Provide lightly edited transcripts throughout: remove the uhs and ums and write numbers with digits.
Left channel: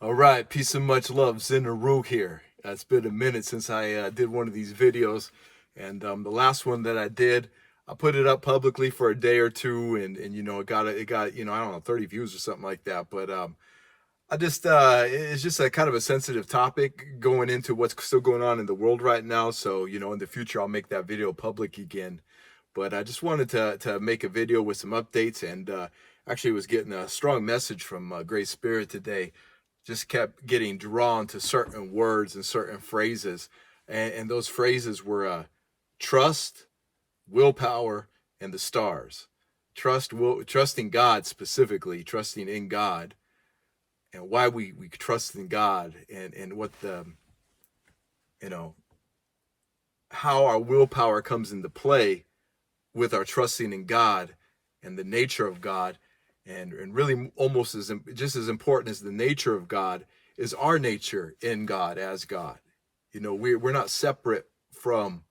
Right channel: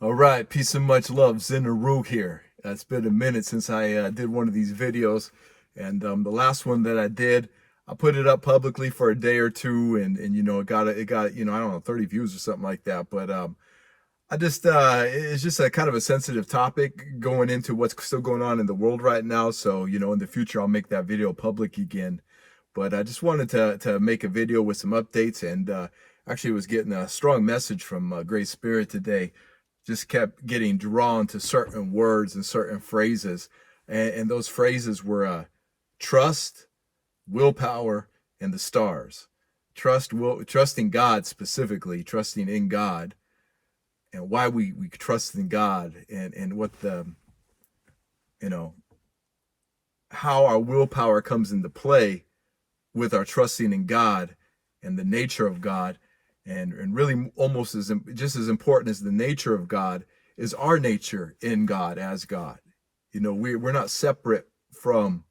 All right, peace and much love. Zin Uru here. It's been a minute since I did one of these videos, and the last one that I did, I put it up publicly for a day or two, and it got I don't know 30 views or something like that. But I just it's just a kind of a sensitive topic going into what's still going on in the world right now. So in the future I'll make that video public again. But I just wanted to make a video with some updates, and actually was getting a strong message from Great Spirit today. Just kept getting drawn to certain words and certain phrases, and those phrases were trust, willpower, and the stars. Trusting God, specifically trusting in God, and why we trust in God, and what the you know how our willpower comes into play with our trusting in God and the nature of God, and really almost just as important as the nature of God is our nature in God as God. We're not separate from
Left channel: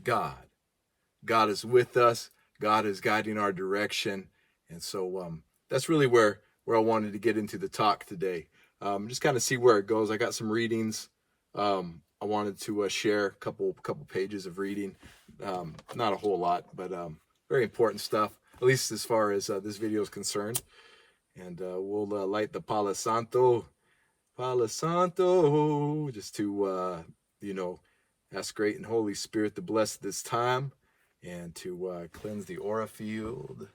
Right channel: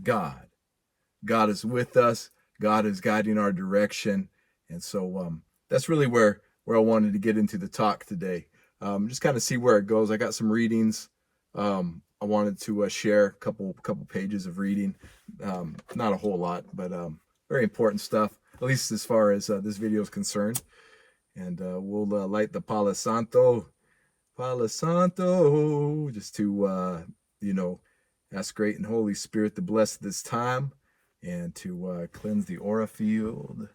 God. God is with us. God is guiding our direction, and so that's really where I wanted to get into the talk today. Just kind of see where it goes. I got some readings. I wanted to share a couple pages of reading. Not a whole lot, but very important stuff, at least as far as this video is concerned. And we'll light the Palo Santo, just to ask Great and Holy Spirit to bless this time, and to cleanse the aura field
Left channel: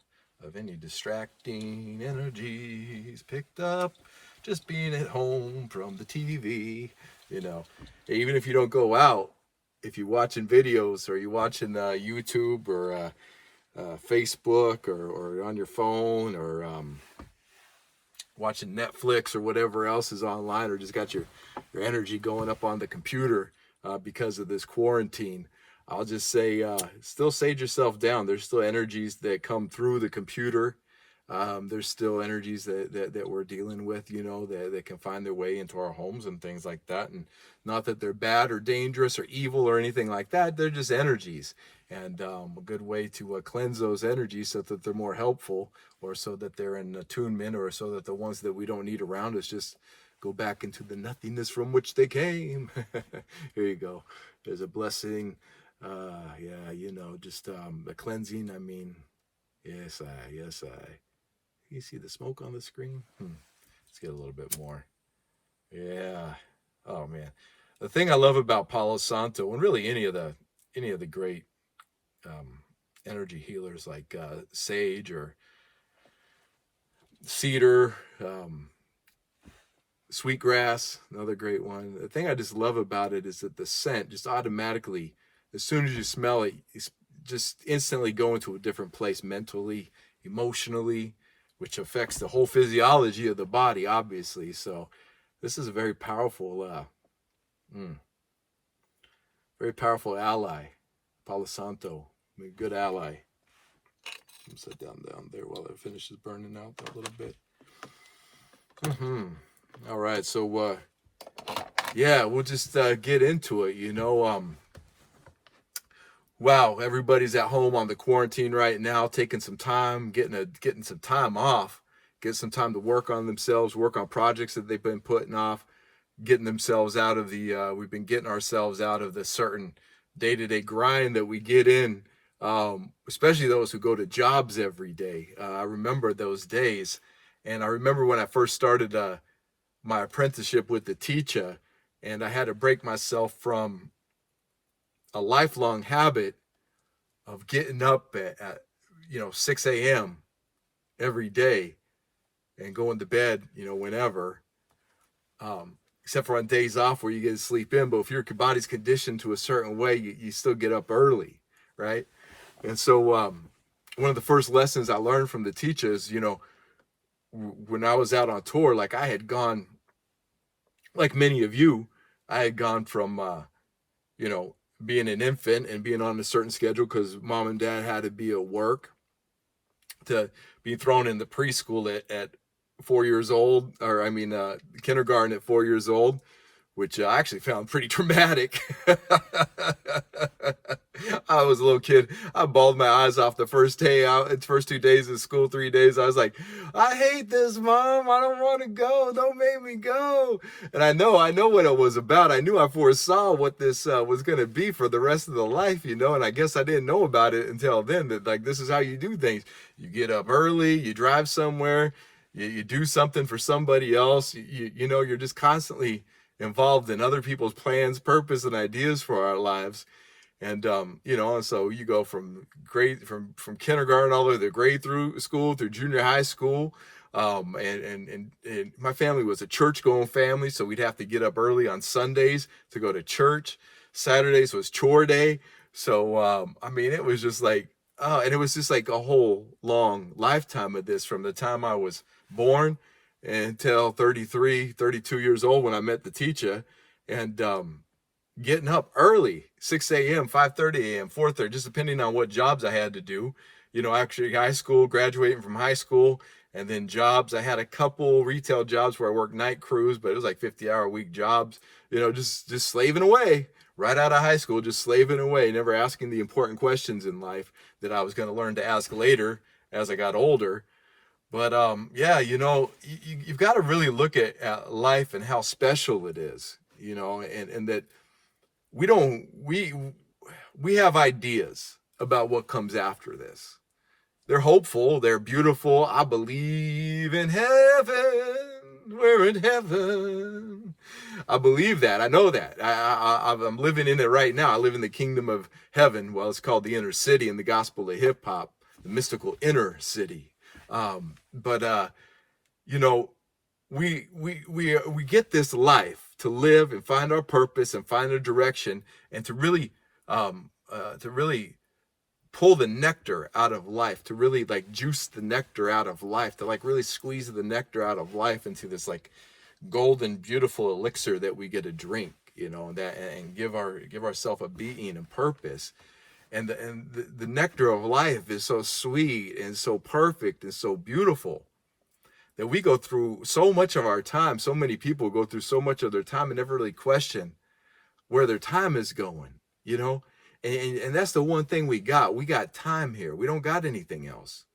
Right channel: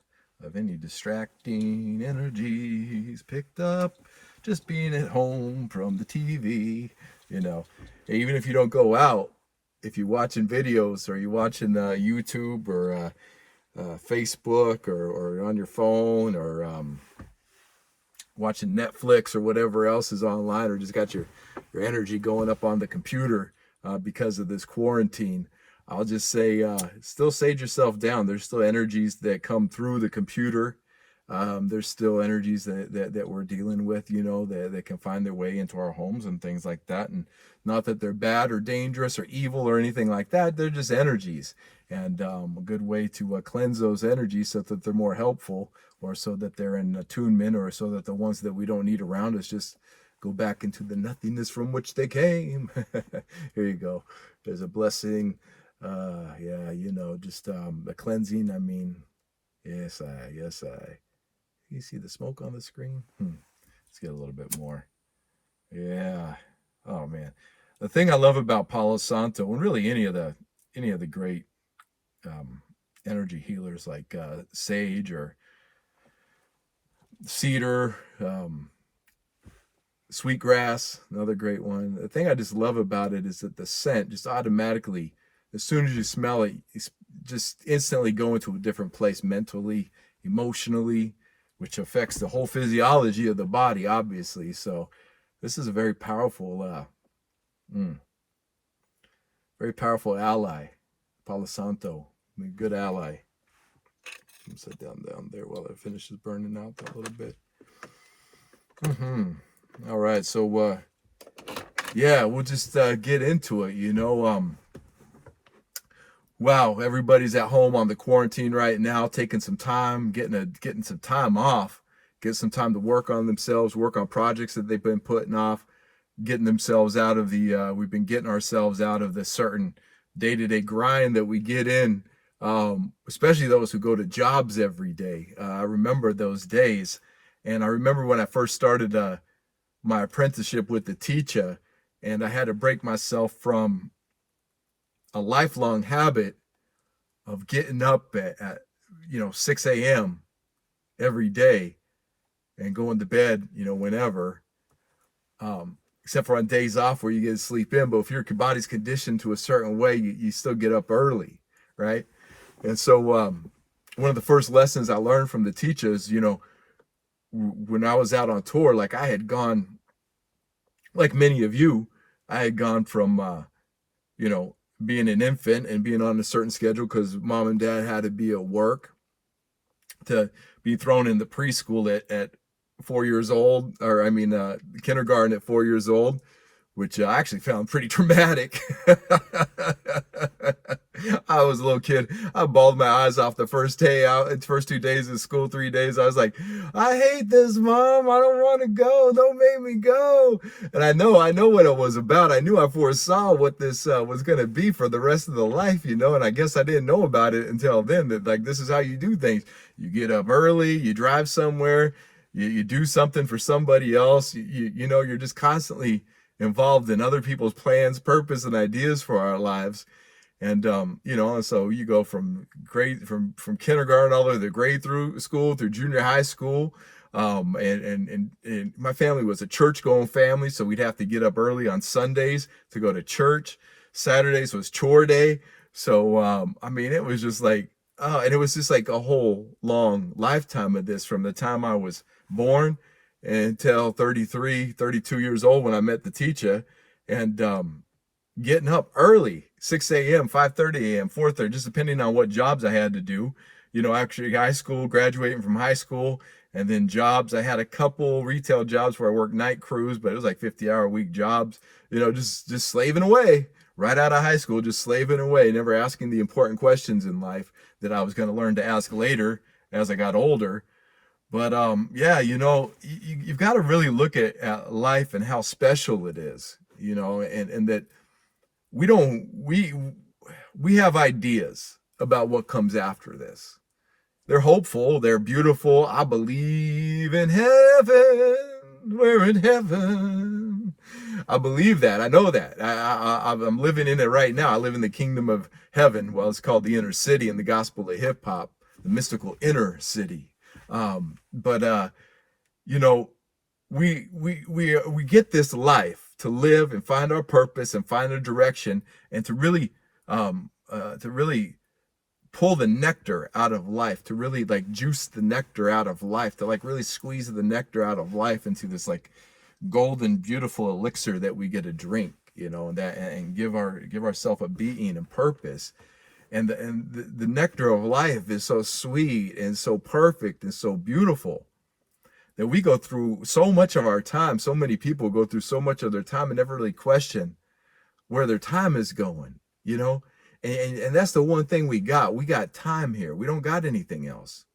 of any distracting energies picked up just being at home from the TV. Even if you don't go out, if you're watching videos, or you're watching YouTube, or Facebook, or on your phone, or watching Netflix or whatever else is online, or just got your energy going up on the computer because of this quarantine, I'll just say, still sage yourself down. There's still energies that come through the computer. There's still energies that we're dealing with, that can find their way into our homes and things like that. And not that they're bad or dangerous or evil or anything like that. They're just energies. And a good way to cleanse those energies so that they're more helpful, or so that they're in attunement, or so that the ones that we don't need around us just go back into the nothingness from which they came. Here you go. There's a blessing. Yeah, just a cleansing. I mean, yes, I. You see the smoke on the screen? Let's get a little bit more. Yeah. Oh man, the thing I love about Palo Santo, and really any of the great energy healers, like sage or cedar, sweetgrass, another great one. The thing I just love about it is that the scent just automatically, as soon as you smell it, you just instantly go into a different place mentally, emotionally, which affects the whole physiology of the body, obviously. So this is a very powerful, very powerful ally, Palo Santo. I mean, good ally. Sit down there while it finishes burning out a little bit. All right, so yeah, we'll just get into it. Wow, everybody's at home on the quarantine right now, taking some time, getting some time off, get some time to work on themselves, work on projects that they've been putting off, getting themselves out of the we've been getting ourselves out of the certain day-to-day grind that we get in, especially those who go to jobs every day. I remember those days, and I remember when I first started my apprenticeship with the teacher, and I had to break myself from a lifelong habit of getting up at 6 a.m. every day and going to bed whenever, except for on days off where you get to sleep in. But if your body's conditioned to a certain way, you still get up early, right? And so one of the first lessons I learned from the teachers, when I was out on tour, like I had gone, like many of you, I had gone from being an infant and being on a certain schedule because mom and dad had to be at work, to be thrown in the preschool at 4 years old, or I mean, kindergarten at 4 years old, which I actually found pretty traumatic. I was a little kid. I bawled my eyes off the first day out, first 2 days of school, 3 days. I was like, I hate this, Mom. I don't want to go. Don't make me go. And I know what it was about. I knew I foresaw what this was going to be for the rest of the life, And I guess I didn't know about it until then, that like, this is how you do things. You get up early, you drive somewhere, you do something for somebody else. You're just constantly involved in other people's plans, purpose, and ideas for our lives. And and so you go from from kindergarten all the way to grade through school, through junior high school. And my family was a church going family, so we'd have to get up early on Sundays to go to church. Saturdays was chore day. So it was just like, and it was just like a whole long lifetime of this, from the time I was born until 33, 32 years old when I met the teacher. And getting up early, 6 a.m., 5:30 a.m., 4:30, just depending on what jobs I had to do. Actually high school, graduating from high school, and then jobs. I had a couple retail jobs where I worked night crews, but it was like 50-hour-a-week jobs, just slaving away right out of high school, just slaving away, never asking the important questions in life that I was going to learn to ask later as I got older. But you've got to really look at life and how special it is, and that we have ideas about what comes after this. They're hopeful, they're beautiful. I believe in heaven. We're in heaven. I believe that. I know that. I'm living in it right now. I live in the kingdom of heaven. Well, it's called the inner city in the gospel of hip hop, the mystical inner city. We get this life to live and find our purpose and find a direction, and to really pull the nectar out of life, to really like juice the nectar out of life, to like really squeeze the nectar out of life into this like golden, beautiful elixir that we get to drink, and give ourselves a being and purpose. And the nectar of life is so sweet and so perfect and so beautiful that we go through so much of our time. So many people go through so much of their time and never really question where their time is going, And that's the one thing we got. We got time here. We don't got anything else,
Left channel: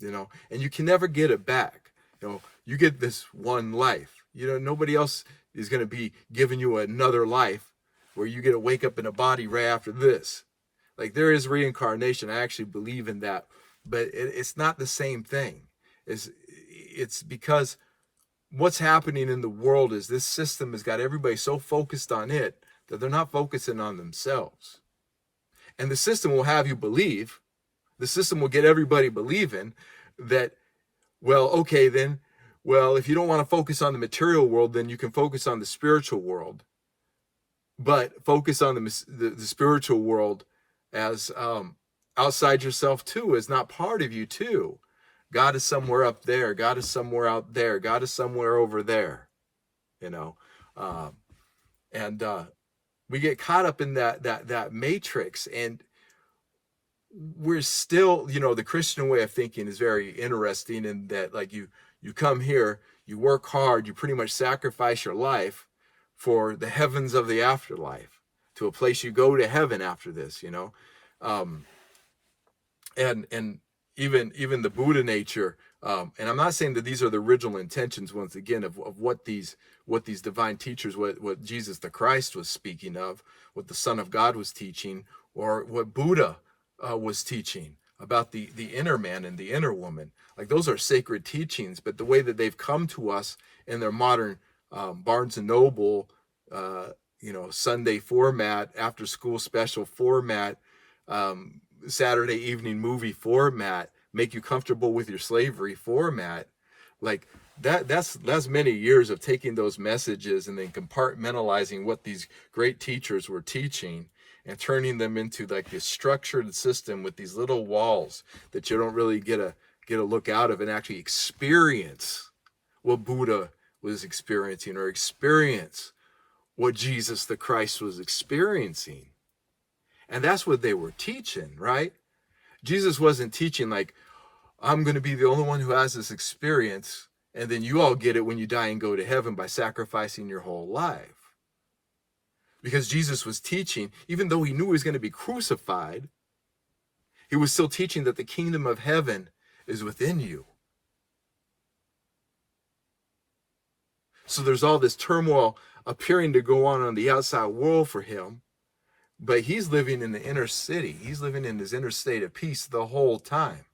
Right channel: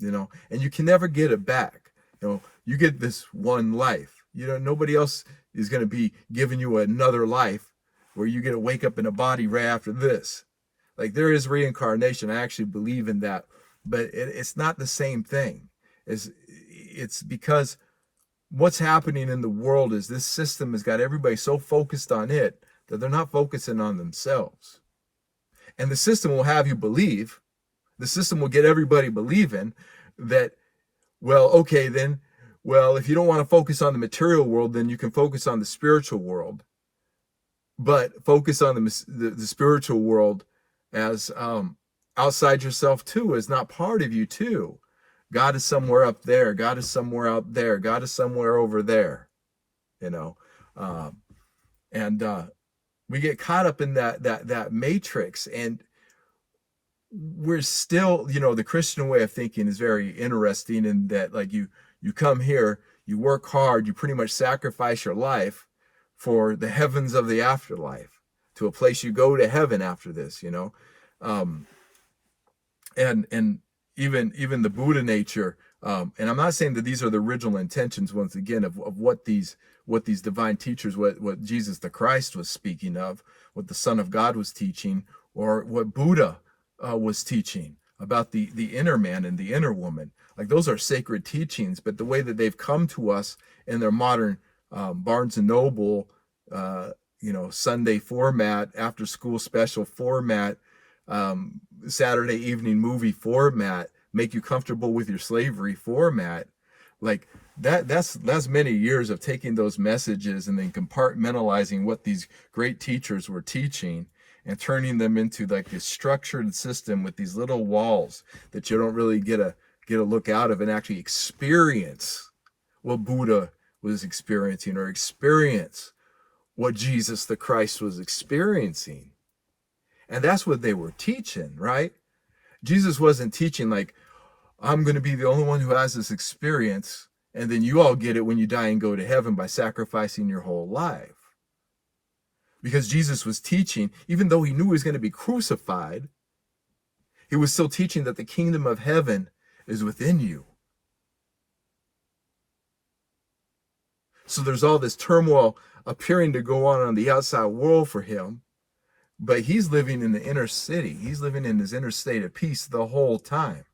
and you can never get it back. You get this one life. Nobody else is going to be giving you another life where you get to wake up in a body right after this. Like, there is reincarnation. I actually believe in that, but it's not the same thing. It's because what's happening in the world is this system has got everybody so focused on it that they're not focusing on themselves. And the system will have you believe, the system will get everybody believing that, if you don't want to focus on the material world, then you can focus on the spiritual world. But focus on the spiritual world as outside yourself too, is not part of you too. God is somewhere up there. God is somewhere out there. God is somewhere over there, we get caught up in that matrix, and we're still, the Christian way of thinking is very interesting in that, like, you come here, you work hard, you pretty much sacrifice your life for the heavens of the afterlife, to a place you go to heaven after this, and even the Buddha nature, and I'm not saying that these are the original intentions, once again, of what these divine teachers, what Jesus the Christ was speaking of, what the Son of God was teaching, or what Buddha was teaching about the inner man and the inner woman. Like, those are sacred teachings, but the way that they've come to us in their modern Barnes and Noble, Sunday format, after school special format, Saturday evening movie format, make you comfortable with your slavery format, like that's many years of taking those messages and then compartmentalizing what these great teachers were teaching and turning them into like this structured system with these little walls that you don't really get a look out of and actually experience what Buddha was experiencing, or experience what Jesus the Christ was experiencing. And that's what they were teaching, right? Jesus wasn't teaching like, I'm going to be the only one who has this experience, and then you all get it when you die and go to heaven by sacrificing your whole life. Because Jesus was teaching, even though he knew he was going to be crucified, he was still teaching that the kingdom of heaven is within you. So there's all this turmoil appearing to go on the outside world for him, but he's living in the inner city. He's living in his inner state of peace the whole time.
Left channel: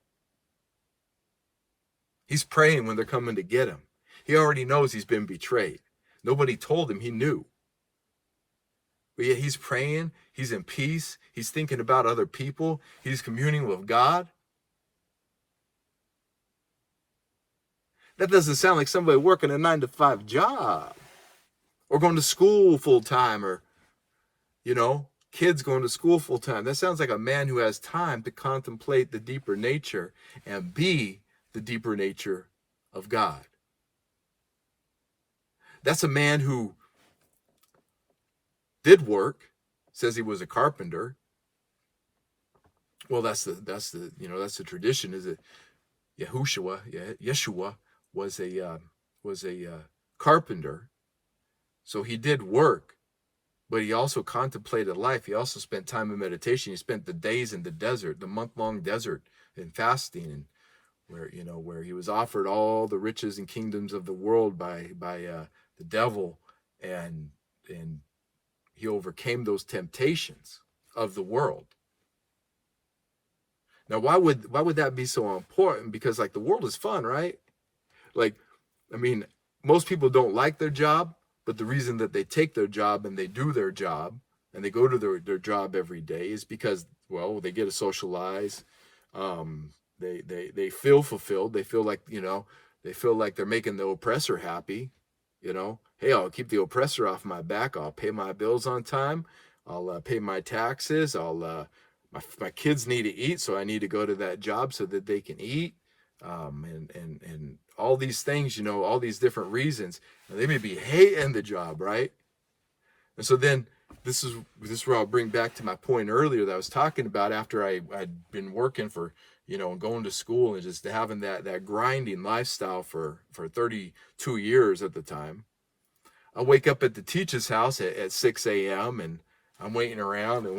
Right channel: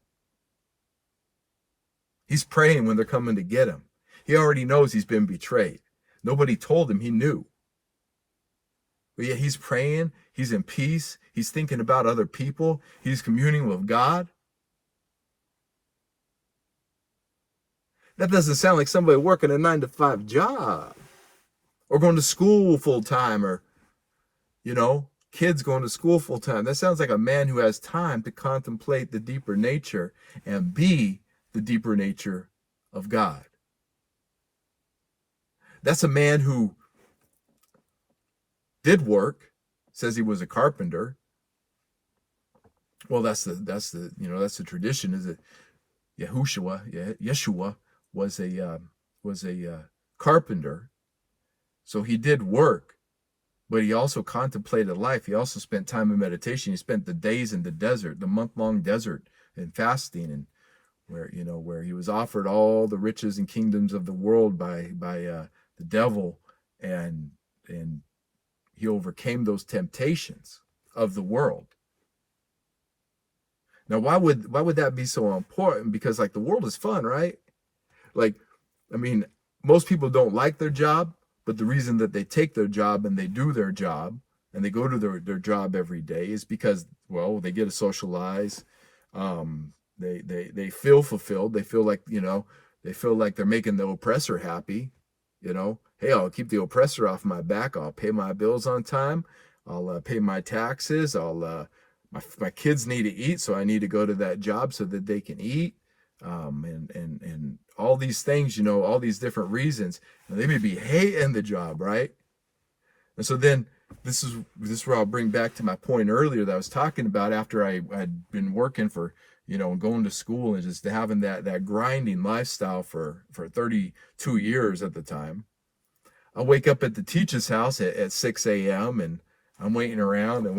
He's praying when they're coming to get him. He already knows he's been betrayed. Nobody told him, he knew. But yet he's praying, he's in peace, he's thinking about other people, he's communing with God. That doesn't sound like somebody working a 9-to-5 job or going to school full time, or, kids going to school full time. That sounds like a man who has time to contemplate the deeper nature and be the deeper nature of God. That's a man who did work, says he was a carpenter. Well, that's the tradition, is it? Yeshua was a carpenter. So he did work, but he also contemplated life. He also spent time in meditation. He spent the days in the desert, the month-long desert, in fasting, and where he was offered all the riches and kingdoms of the world by the devil, and he overcame those temptations of the world. Now, why would that be so important? Because the world is fun, right? Most people don't like their job, but the reason that they take their job and they do their job and they go to their job every day is because, well, they get to socialize. They feel fulfilled. They feel like, they're making the oppressor happy. Hey, I'll keep the oppressor off my back. I'll pay my bills on time. I'll pay my taxes. My kids need to eat, so I need to go to that job so that they can eat. And all these things, all these different reasons. And they may be hating the job, right? And so then this is where I'll bring back to my point earlier that I was talking about after I'd been working for, and going to school and just having that grinding lifestyle for 32 years at the time. I wake up at the teacher's house at 6 a.m. and I'm waiting around, I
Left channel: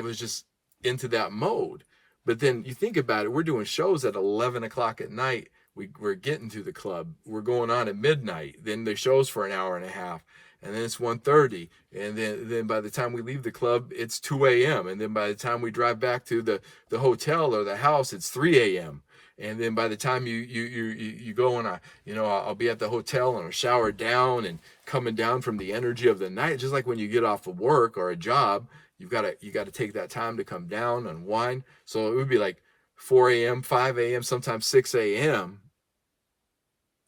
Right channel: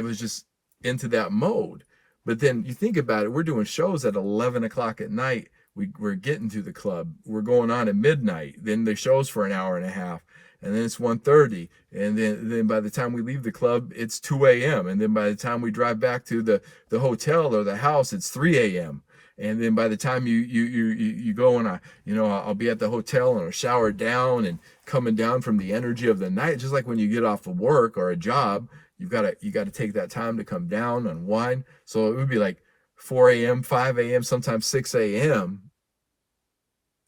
was just into that mode. But then you think about it, we're doing shows at 11 o'clock at night. We're getting to the club. We're going on at midnight. Then the show's for an hour and a half. And then it's 1:30. And then by the time we leave the club, it's 2 a.m. And then by the time we drive back to the hotel or the house, it's 3 a.m. And then by the time you go and I'll be at the hotel and I'll shower down and coming down from the energy of the night, just like when you get off of work or a job, you got to take that time to come down, unwind. So it would be like 4 a.m., 5 a.m., sometimes 6 a.m.,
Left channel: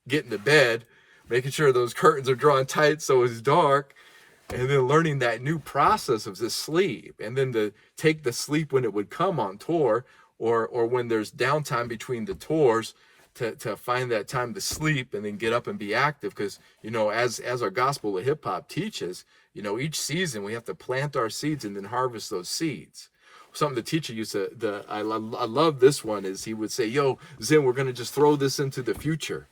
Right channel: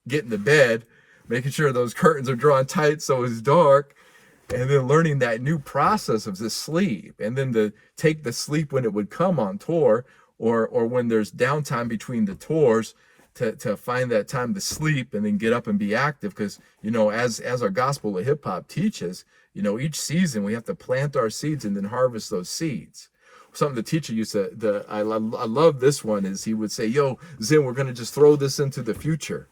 getting to bed, making sure those curtains are drawn tight so it's dark, and then learning that new process of the sleep, and then to take the sleep when it would come on tour, or when there's downtime between the tours, to find that time to sleep and then get up and be active. Because as our gospel of hip hop teaches, each season we have to plant our seeds and then harvest those seeds. Something the teacher used to, I love this one, is he would say, "Yo, Zin, we're gonna just throw this into the future."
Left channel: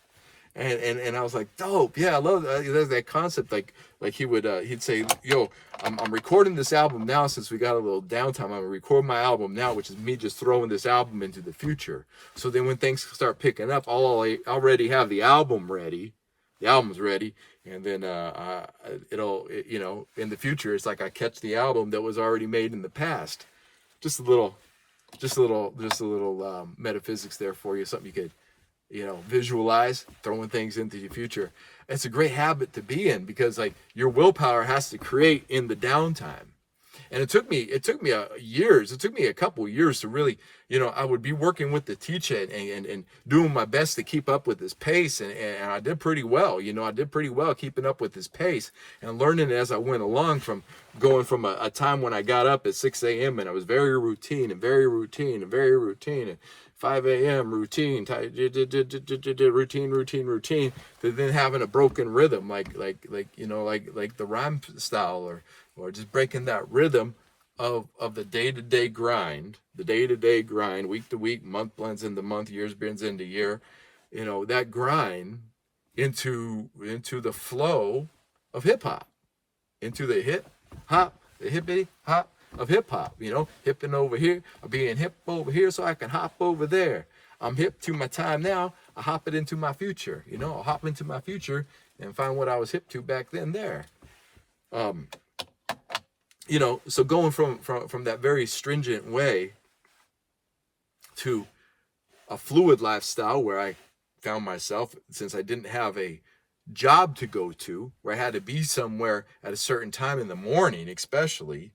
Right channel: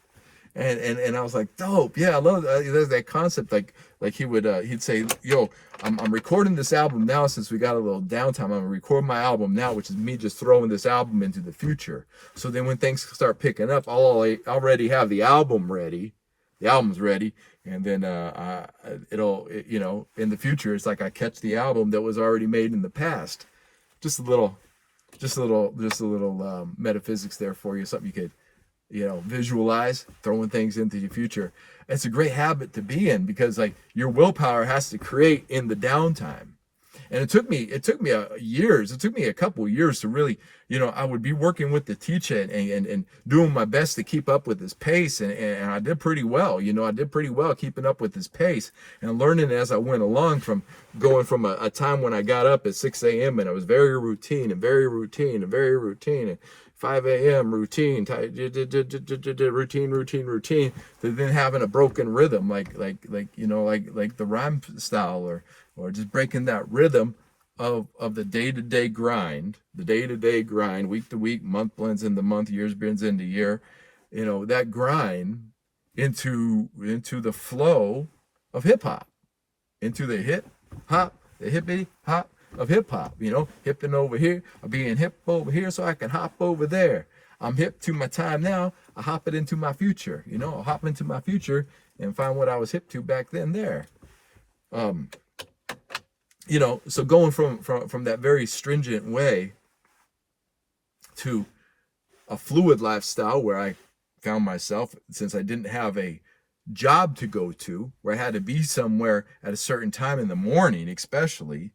And I was like, dope, yeah, I love that concept. Like he'd say, "Yo, I'm recording this album now since we got a little downtime. I'm gonna record my album now," which is me just throwing this album into the future. So then when things start picking up, I'll already have the album ready. The album's ready, and then it'll in the future, it's like I catch the album that was already made in the past. Just a little metaphysics there for you. Something you could visualize, throwing things into the future. It's a great habit to be in, because your willpower has to create in the downtime. And it took me a couple years to really, I would be working with the teacher and doing my best to keep up with his pace. And I did pretty well. I did pretty well keeping up with his pace and learning as I went along, from going from a time when I got up at 6 a.m. and I was very routine, and 5 a.m. routine, to then having a broken rhythm, like the rhyme style, or just breaking that rhythm of the day-to-day grind, week to week, month blends into month, years blends into year. That grind into the flow of hip hop, into the hip hop, the hippity hop of hip hop. You know, hipping over here, I'm being hip over here, so I can hop over there. I'm hip to my time now. I hop it into my future. You know, I'll hop into my future and find what I was hip to back then. There. You know, so going from that very stringent way to a fluid lifestyle where I found myself, since I didn't have a job to go to, where I had to be somewhere at a certain time in the morning, especially,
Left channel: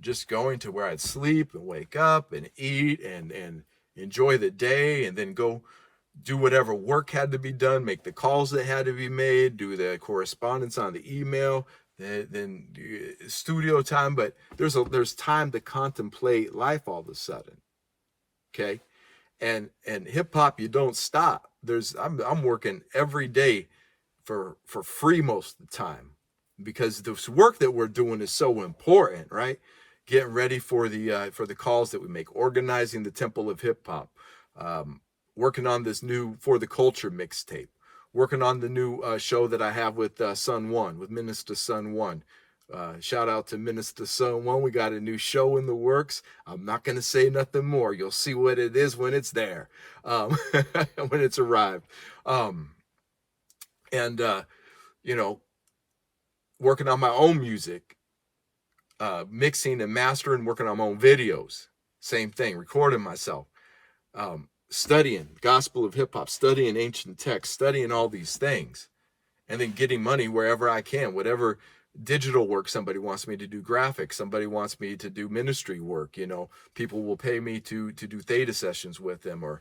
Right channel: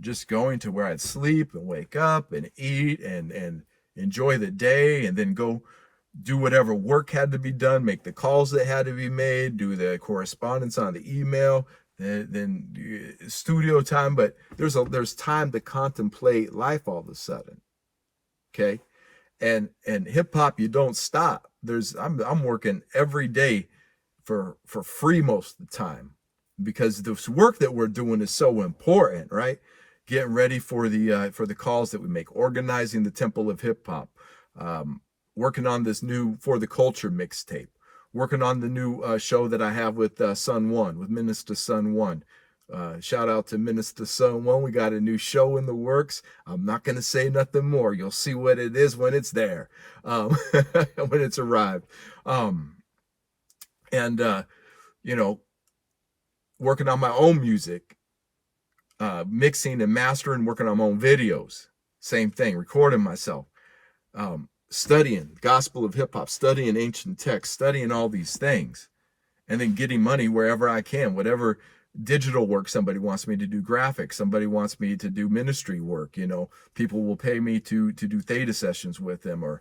just going to where I'd sleep and wake up and eat and enjoy the day, and then go do whatever work had to be done, make the calls that had to be made, do the correspondence on the email, then studio time. But there's time to contemplate life all of a sudden. Okay. And hip hop, you don't stop. I'm working every day for free most of the time, because this work that we're doing is so important, right? Getting ready for the calls that we make, organizing the Temple of Hip Hop, working on this new For the Culture mixtape, working on the new show that I have with Sun One, with Minister Sun One. Shout out to Minister Sun One. We got a new show in the works. I'm not going to say nothing more. You'll see what it is when it's there, when it's arrived. You know, working on my own music, mixing and mastering, working on my own videos. Same thing, recording myself, studying Gospel of Hip Hop, studying ancient texts, studying all these things, and then getting money wherever I can, whatever digital work somebody wants me to do, graphics, somebody wants me to do ministry work. You know, people will pay me to do theta sessions with them, or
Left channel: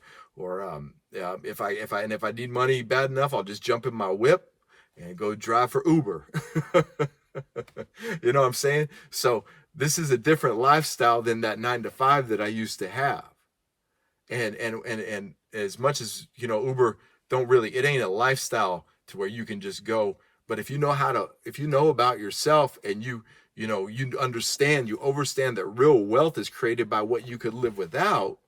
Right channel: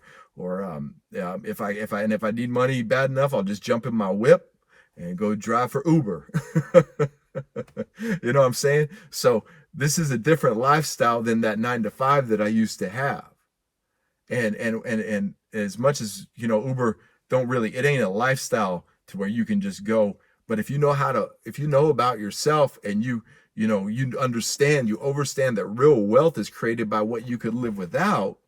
if I need money bad enough, I'll just jump in my whip and go drive for Uber. You know what I'm saying? So this is a different lifestyle than that 9-to-5 that I used to have. And as much as, you know, Uber it ain't a lifestyle to where you can just go. But if you know about yourself, and you understand, you overstand that real wealth is created by what you could live without,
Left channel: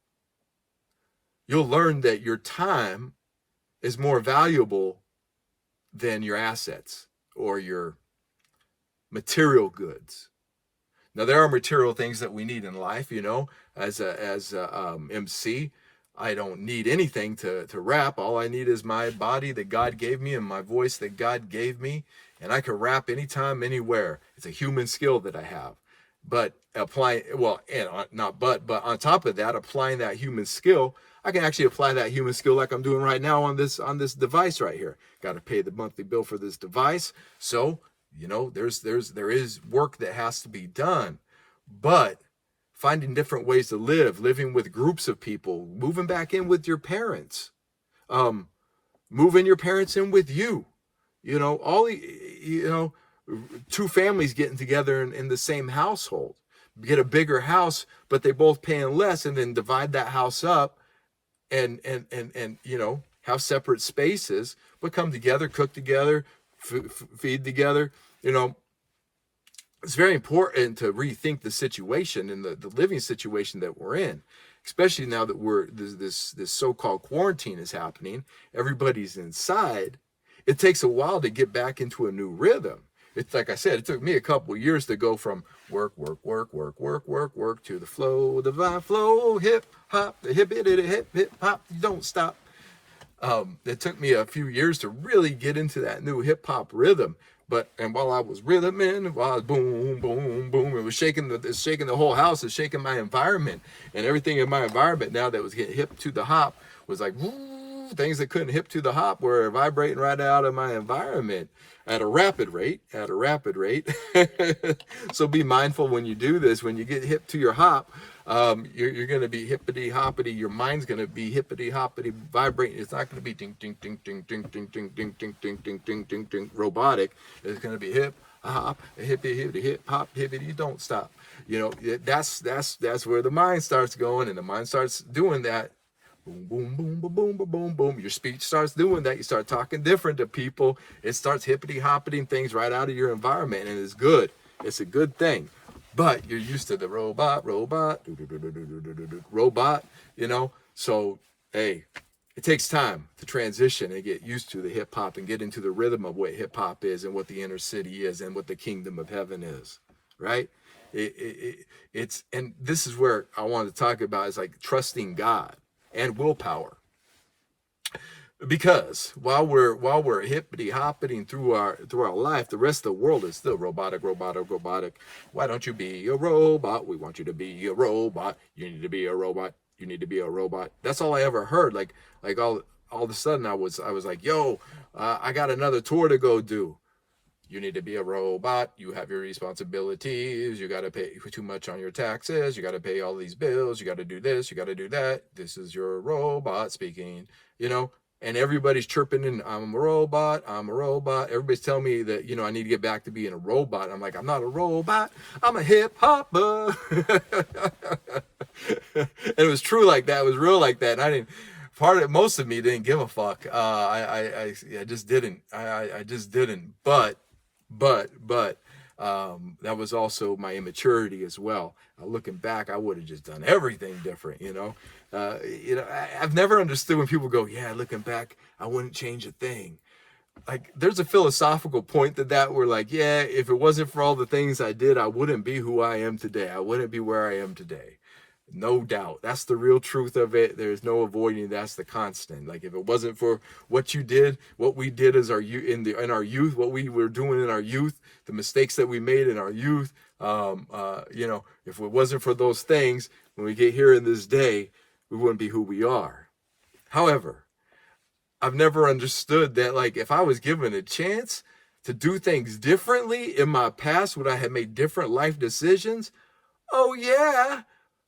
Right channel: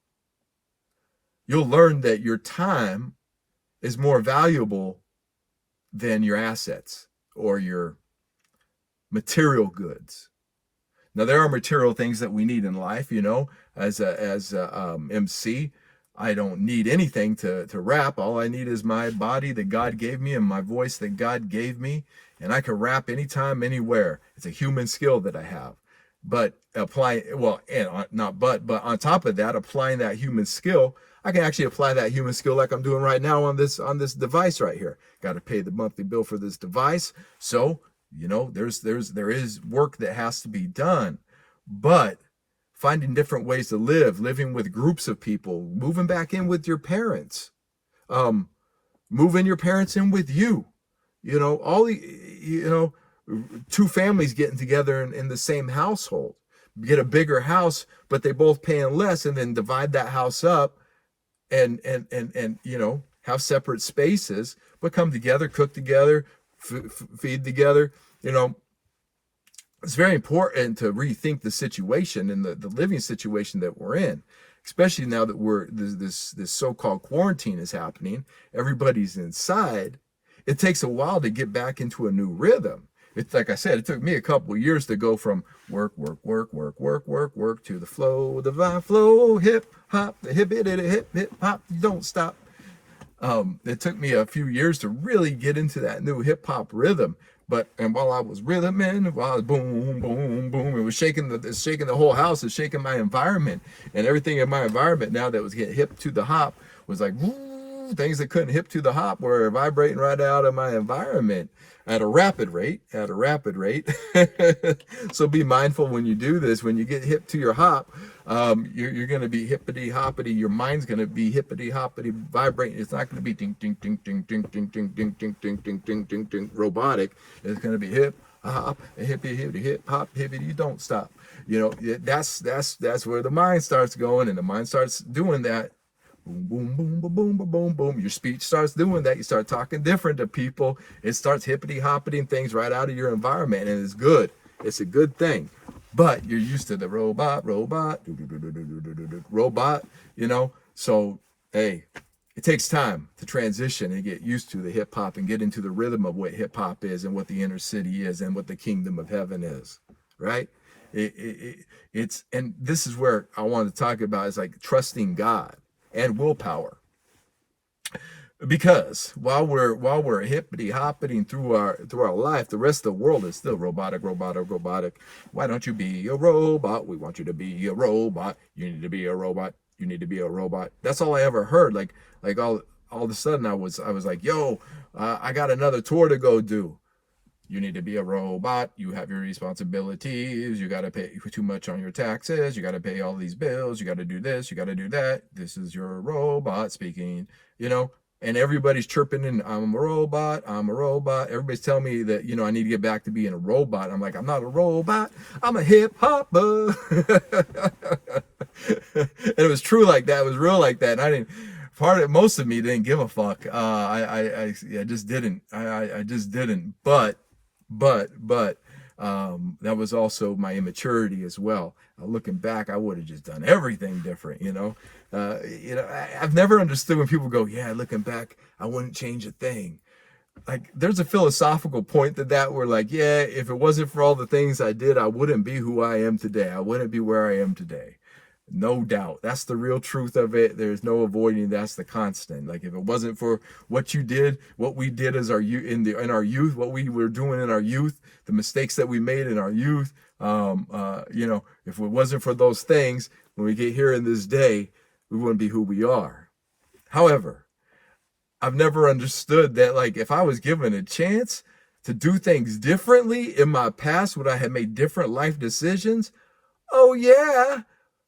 you'll learn that your time is more valuable than your assets or your material goods. Now, there are material things that we need in life, you know, as a MC. I don't need anything to rap. All I need is my body that God gave me and my voice that God gave me. And I can rap anytime, anywhere. It's a human skill that I have. But but on top of that, applying that human skill, I can actually apply that human skill like I'm doing right now on this device right here. Got to pay the monthly bill for this device. So, you know, there is work that has to be done. But finding different ways to live, living with groups of people, moving back in with your parents, moving your parents in with you, you know, two families getting together in the same household, get a bigger house, but they both paying less, and then divide that house up and you know, have separate spaces, but come together, cook together, feed together. You know, it's very important to rethink the situation and the living situation that we're in, especially now that this so-called quarantine is happening. Everybody's inside. It takes a while to get back into a new rhythm. It's like I said, it took me a couple of years to go from work to the flow, divine flow, hip hop, the hip hop, you don't stop. It took me a few years to really get into that new hip hop rhythm. And while I was rhythming, while I was boom, boom, boom, it was shaking the whole house, it's shaking my environment, and everything in my environment now that was getting hip to the hop was like, woo, things that couldn't hip to the hop were vibrating right out of my environment at a rapid rate. So be mindful when you do this. When you get hip to your hop, you're going to be hippity hoppity. Your mind's going to be hippity hoppity vibrating. It's not going to be ding ding ding ding ding ding ding ding ding ding ding ding ding ding robotic. It's going to be hip hop, hippity hippity hip hop hippity. You don't stop. You know, that's where the mind starts going, and the mind starts doing that. Boom, boom, boom, boom, boom, boom, boom, boom. Your speech starts doing that. You start talking different to people. It starts hippity hoppiting things right out of your environment, and it's good. It's a good thing. But you're used to the robot, you know. So, hey, it takes time to transition and get used to the hip hop and get into the rhythm of what hip hop is and what the inner city is and what the kingdom of heaven is, right? It's, and this is where I want to talk about is like trusting God and willpower. Because while we're hippity hopping through our life, the rest of the world is still robotic, robotic, robotic. Why don't you be a robot? We want you to be a robot. You need to be a robot. You need to be a robot. That's all I ever heard. Like all of a sudden I was like, yo, I got another tour to go do. You need to be a robot. You have your responsibilities. You got to pay too much on your taxes. You got to pay all these bills. You got to do this. You got to do that. This is your robot speaking, you know, and everybody's chirping in, I'm a robot. I'm a robot. Everybody's telling me that, you know, I need to get back to being a robot. I'm like, I'm not a robot. I'm a hip hopper. And it was true like that. It was real like that. And I didn't, most of me didn't give a fuck. I just didn't. I just didn't. But that was also my immaturity as well. Looking back, I would have just done everything different, you know. I've never understood when people go, yeah, looking back, I wouldn't change a thing. Like, there's a philosophical point to that where, like, yeah, if it wasn't for all the things I did, I wouldn't be who I am today. I wouldn't be where I am today. No doubt. That's the real truth of it. There's no avoiding. That's the constant. Like, if it wasn't for what you did, what we did as in our youth, what we were doing in our youth, the mistakes that we made in our youth, if it wasn't for those things, when we get here in this day, we wouldn't be who we are. However, I've never understood that, like, if I was given a chance to do things differently in my past, would I have made different life decisions? Oh, yeah.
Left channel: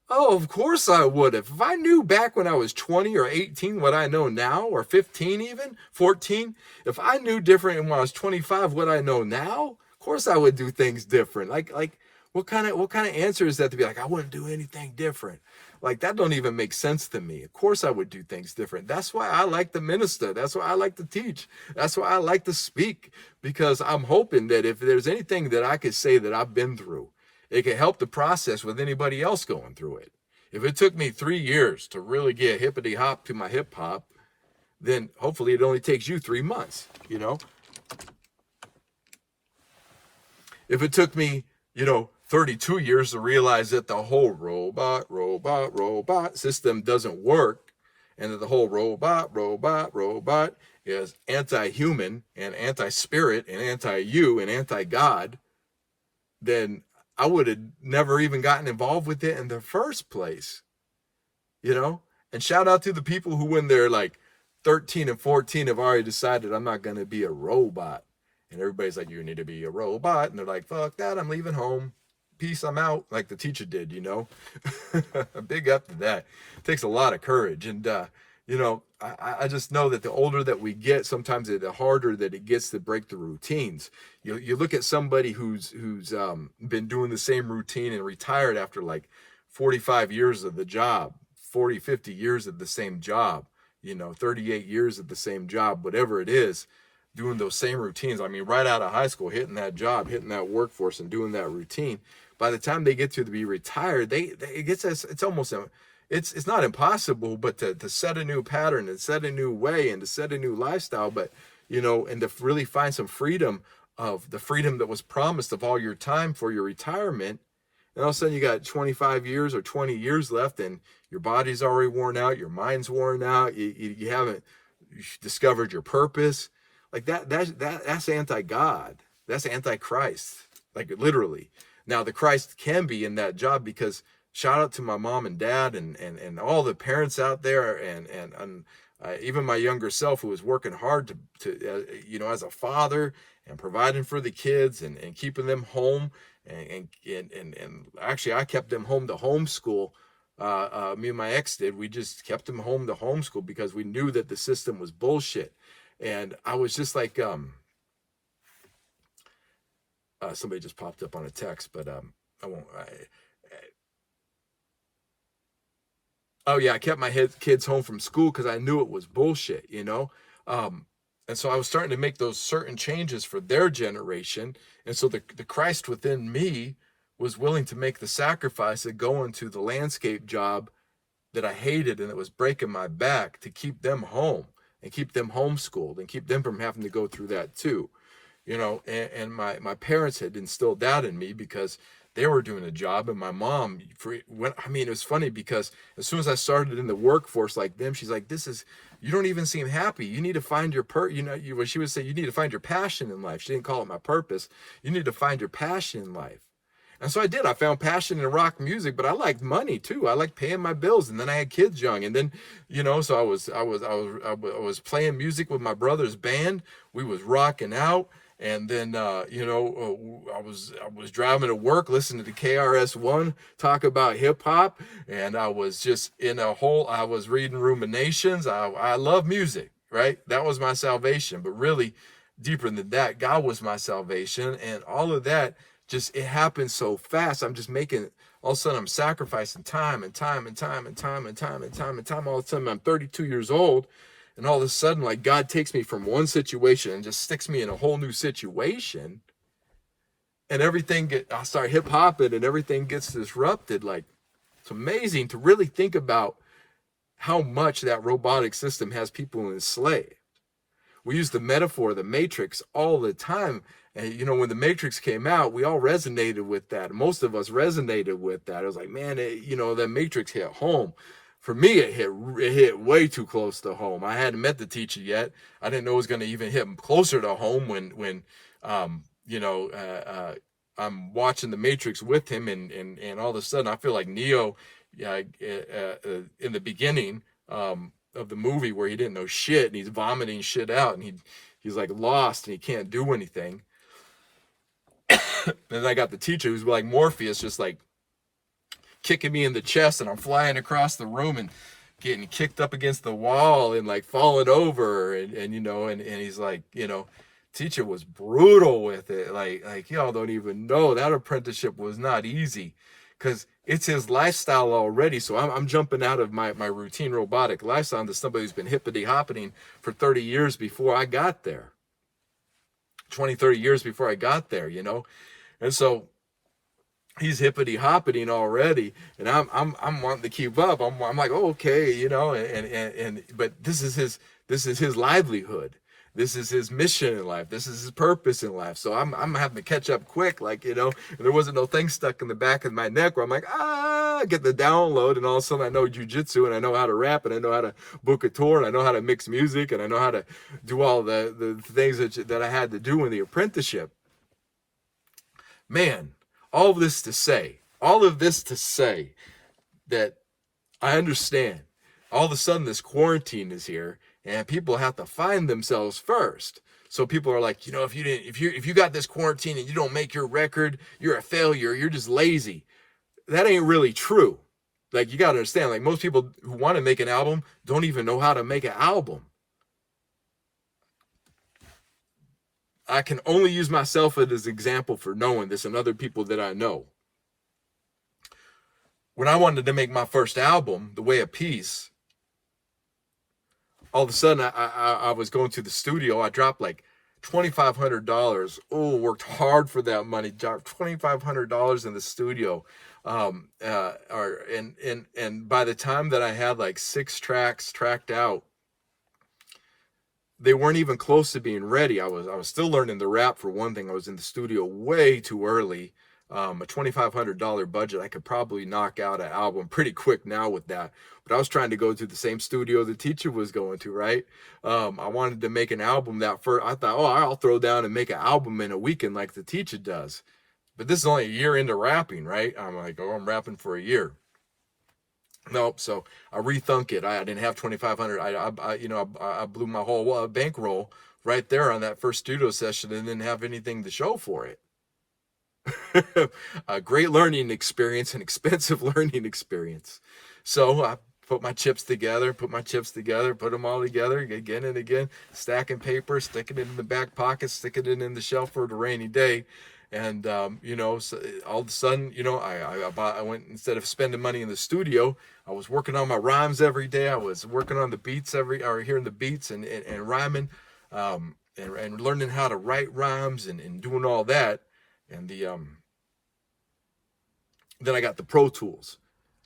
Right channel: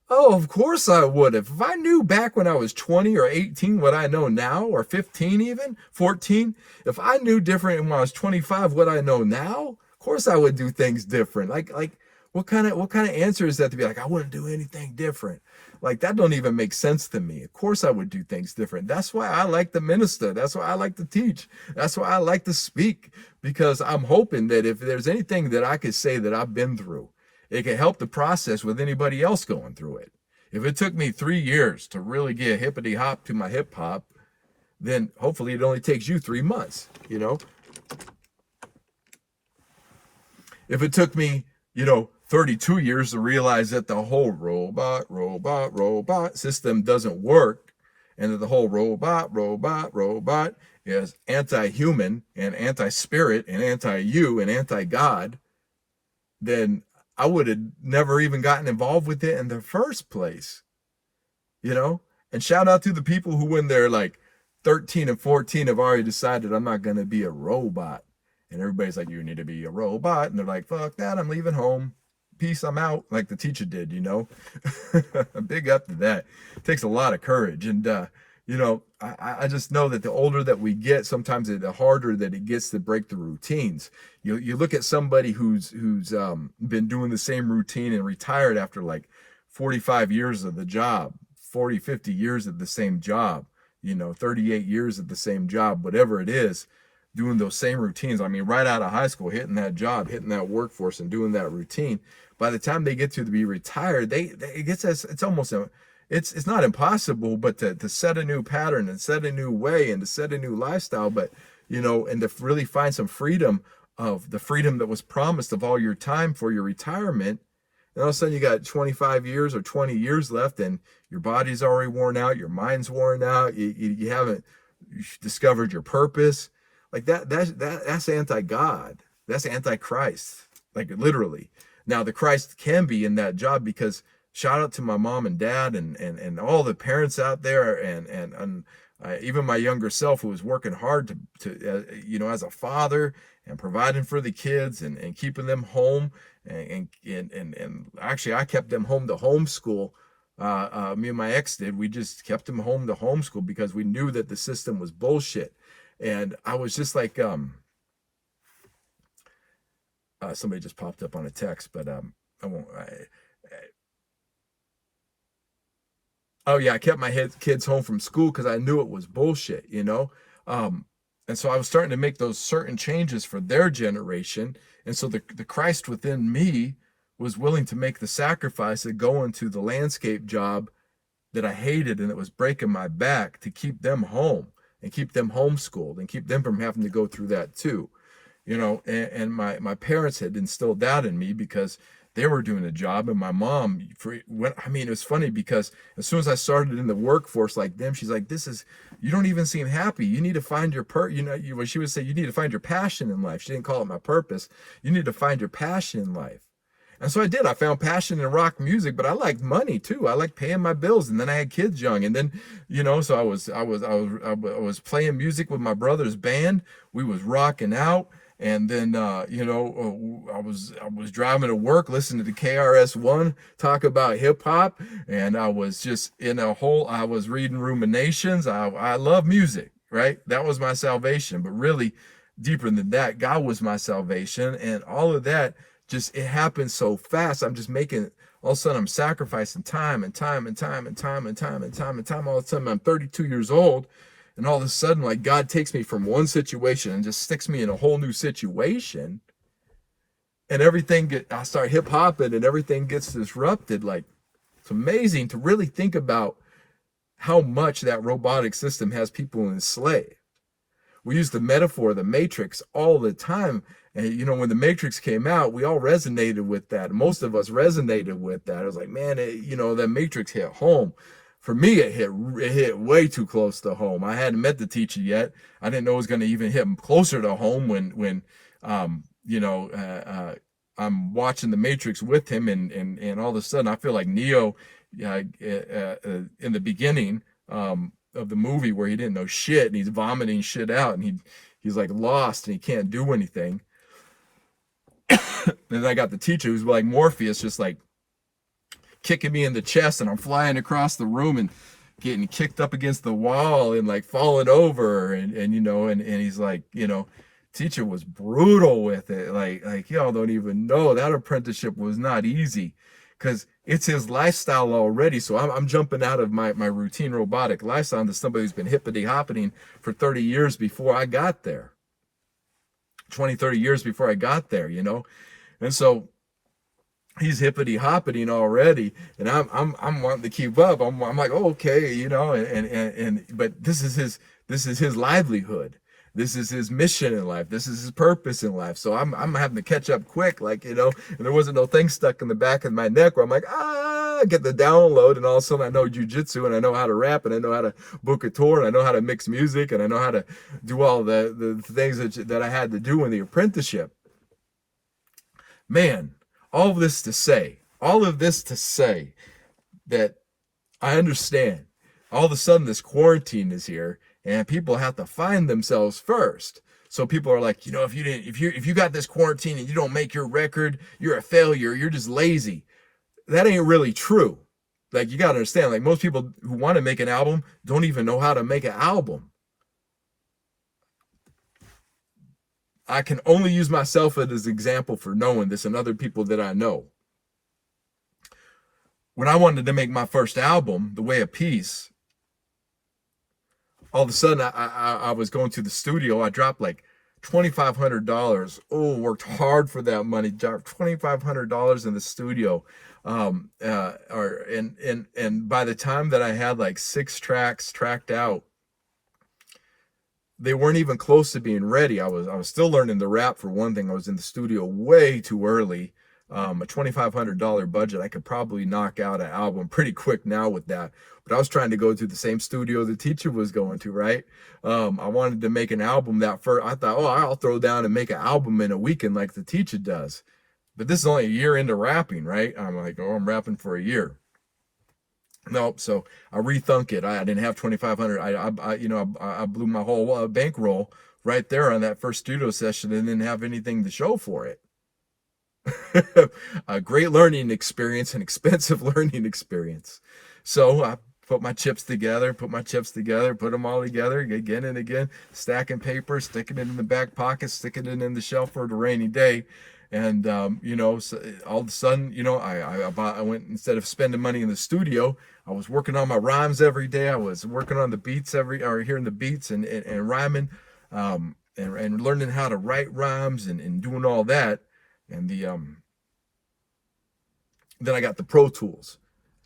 Oh, of course I would have. If I knew back when I was 20 or 18 what I know now, or 15 even, 14, if I knew different when I was 25 what I know now, of course I would do things different. Like what kind of answer is that to be like, I wouldn't do anything different? Like, that don't even make sense to me. Of course I would do things different. That's why I like to minister. That's why I like to teach. That's why I like to speak, because I'm hoping that if there's anything that I could say that I've been through, it can help the process with anybody else going through it. If it took me 3 years to really get hippity hop to my hip hop, then hopefully it only takes you 3 months, you know? If it took me, 32 years to realize that the whole robot system doesn't work, and that the whole robot is anti-human and anti-spirit and anti-you and anti-God, then I would have never even gotten involved with it in the first place, And shout out to the people who, when they're like 13 and 14, have already decided I'm not going to be a robot. And everybody's like, you need to be a robot. And they're like, fuck that, I'm leaving home. Peace, I'm out. Like the teacher did, Big up to that. It takes a lot of courage. And, I just know that the older that we get, sometimes the harder that it gets to break the routines. You look at somebody who's been doing the same routine and retired after like 45 years of the job, 40, 50 years of the same job, 38 years of the same job, whatever it is, doing those same routines. I mean, right out of high school, hitting that job, hitting that workforce and doing that routine. By the time they get to be retired, it's not impossible, but to set a new pattern and set a new way and to set a new lifestyle, but, and to really find some freedom, of the freedom that was promised of all your time for your retirement. And all of a sudden you got 25 years or 20 years left, and your body's already worn out, your mind's worn out, you haven't discovered your purpose. Like that's anti-God. That's anti-Christ. Like, literally. Now, the Christ can be in that job, because shout out to my mom and dad and all the parents out there, and even my younger self, who was working hard to as a father, and providing for the kids and keeping them home, and actually I kept them home to homeschool. Me and my ex did. We just kept them home to homeschool because we knew that the system was bullshit. And I was just like, somebody just popped up on a text, but I won't. Oh yeah, I kept my kids home from school because I knew it was bullshit, and so I was starting to make those certain changes for their generation. And so the Christ within me was willing to make the sacrifice of going to the landscape job that I hated and that was breaking my back to keep them home and keep them homeschooled and keep them from having to go through that too. You know, and my parents had instilled that in me because they were doing a job, and my mom, I mean, it was funny because as soon as I started in the workforce like them, she's like, you don't even seem happy. You need to find your what she would say, you need to find your passion in life. She didn't call it my purpose. You need to find your passion in life. And so I did. I found passion in rock music, but I liked money too. I liked paying my bills, and then I had kids young, and then so I was playing music with my brother's band. We was rocking out, and then I was driving to work, listening to KRS-One talk about hip hop, and I was just I was reading Ruminations. I love music, right? That was my salvation, but really deeper than that, God was my salvation, and all of that. Just it happens so fast. I'm just making all of a sudden I'm sacrificing time and time and time and time and time and time and time. All of a sudden I'm 32 years old, and all of a sudden like God takes me from one situation and just sticks me in a whole new situation, and I start hip hopping and everything gets disrupted. Like, it's amazing to really think about how much that robotic system has people enslaved. We use the metaphor of the Matrix all the time. And, when the Matrix came out, we all resonated with that. Most of us resonated with that. It was like, man, the Matrix hit home. For me, it hit way too close to home. I hadn't met the teacher yet. I didn't know it was going to even hit closer to home when I'm watching the Matrix with him. And all of a sudden, I feel like Neo in the beginning of the movie where he didn't know shit and he's vomiting shit out and he's like lost and he can't do anything. And then I got the teacher who's like Morpheus, just like kicking me in the chest, and I'm flying across the room and getting kicked up against the wall and like falling over, and he's like, teacher was brutal with it. Like y'all don't even know that apprenticeship was not easy, because it's his lifestyle already. So I'm jumping out of my routine robotic lifestyle into somebody who's been hippity hopping for 30 years before I got there. 20, 30 years before I got there, And so he's hippity hopping already, and I'm wanting to keep up. I'm like, oh, okay, but this is his livelihood. This is his mission in life. This is his purpose in life. So I'm having to catch up quick, and there wasn't no thing stuck in the back of my neck where I'm like, get the download, and all of a sudden I know jujitsu, and I know how to rap, and I know how to book a tour, and I know how to mix music, and I know how to do all the things that I had to do in the apprenticeship. Man, all of this to say that I understand. All of a sudden this quarantine is here, and people have to find themselves first. So people are like, if you got this quarantine and you don't make your record, you're a failure. You're just lazy. That ain't really true. Like, you got to understand, like, most people who want to make an album don't even know how to make an album. I can only use myself as an example for knowing this, and other people that I know. When I wanted to make my first album, The Way of Peace, all of a sudden I was going to the studio. I dropped like $2,500. Oh, worked hard for that money. Dropped $2,500 in the studio. And by the time that I had like 6 tracks tracked out, they weren't even close to being ready. I was still learning to rap, for one thing. I was in the studio way too early. A $2,500 budget, I could probably knock out an album pretty quick now with that. But I was trying to go to the same studio the teacher was going to, right? I wanted to make an album that first. I thought, I'll throw down and make an album in a weekend like the teacher does. But this is only a year into rapping, right? I'm like, I'm rapping for a year. Nope. So I rethunk it. I didn't have 2,500. I blew my whole bankroll right there on that first studio session and didn't have anything to show for it. A great learning experience, an expensive learning experience. So I put my chips together, put them all together again and again, stacking paper, sticking it in the back pocket, sticking it in the shelf for the rainy day. And, so all of a sudden, I went, instead of spending money in the studio, I was working on my rhymes every day. I was working on the beats hearing the beats and rhyming, and learning how to write rhymes and doing all that. And then I got the Pro Tools.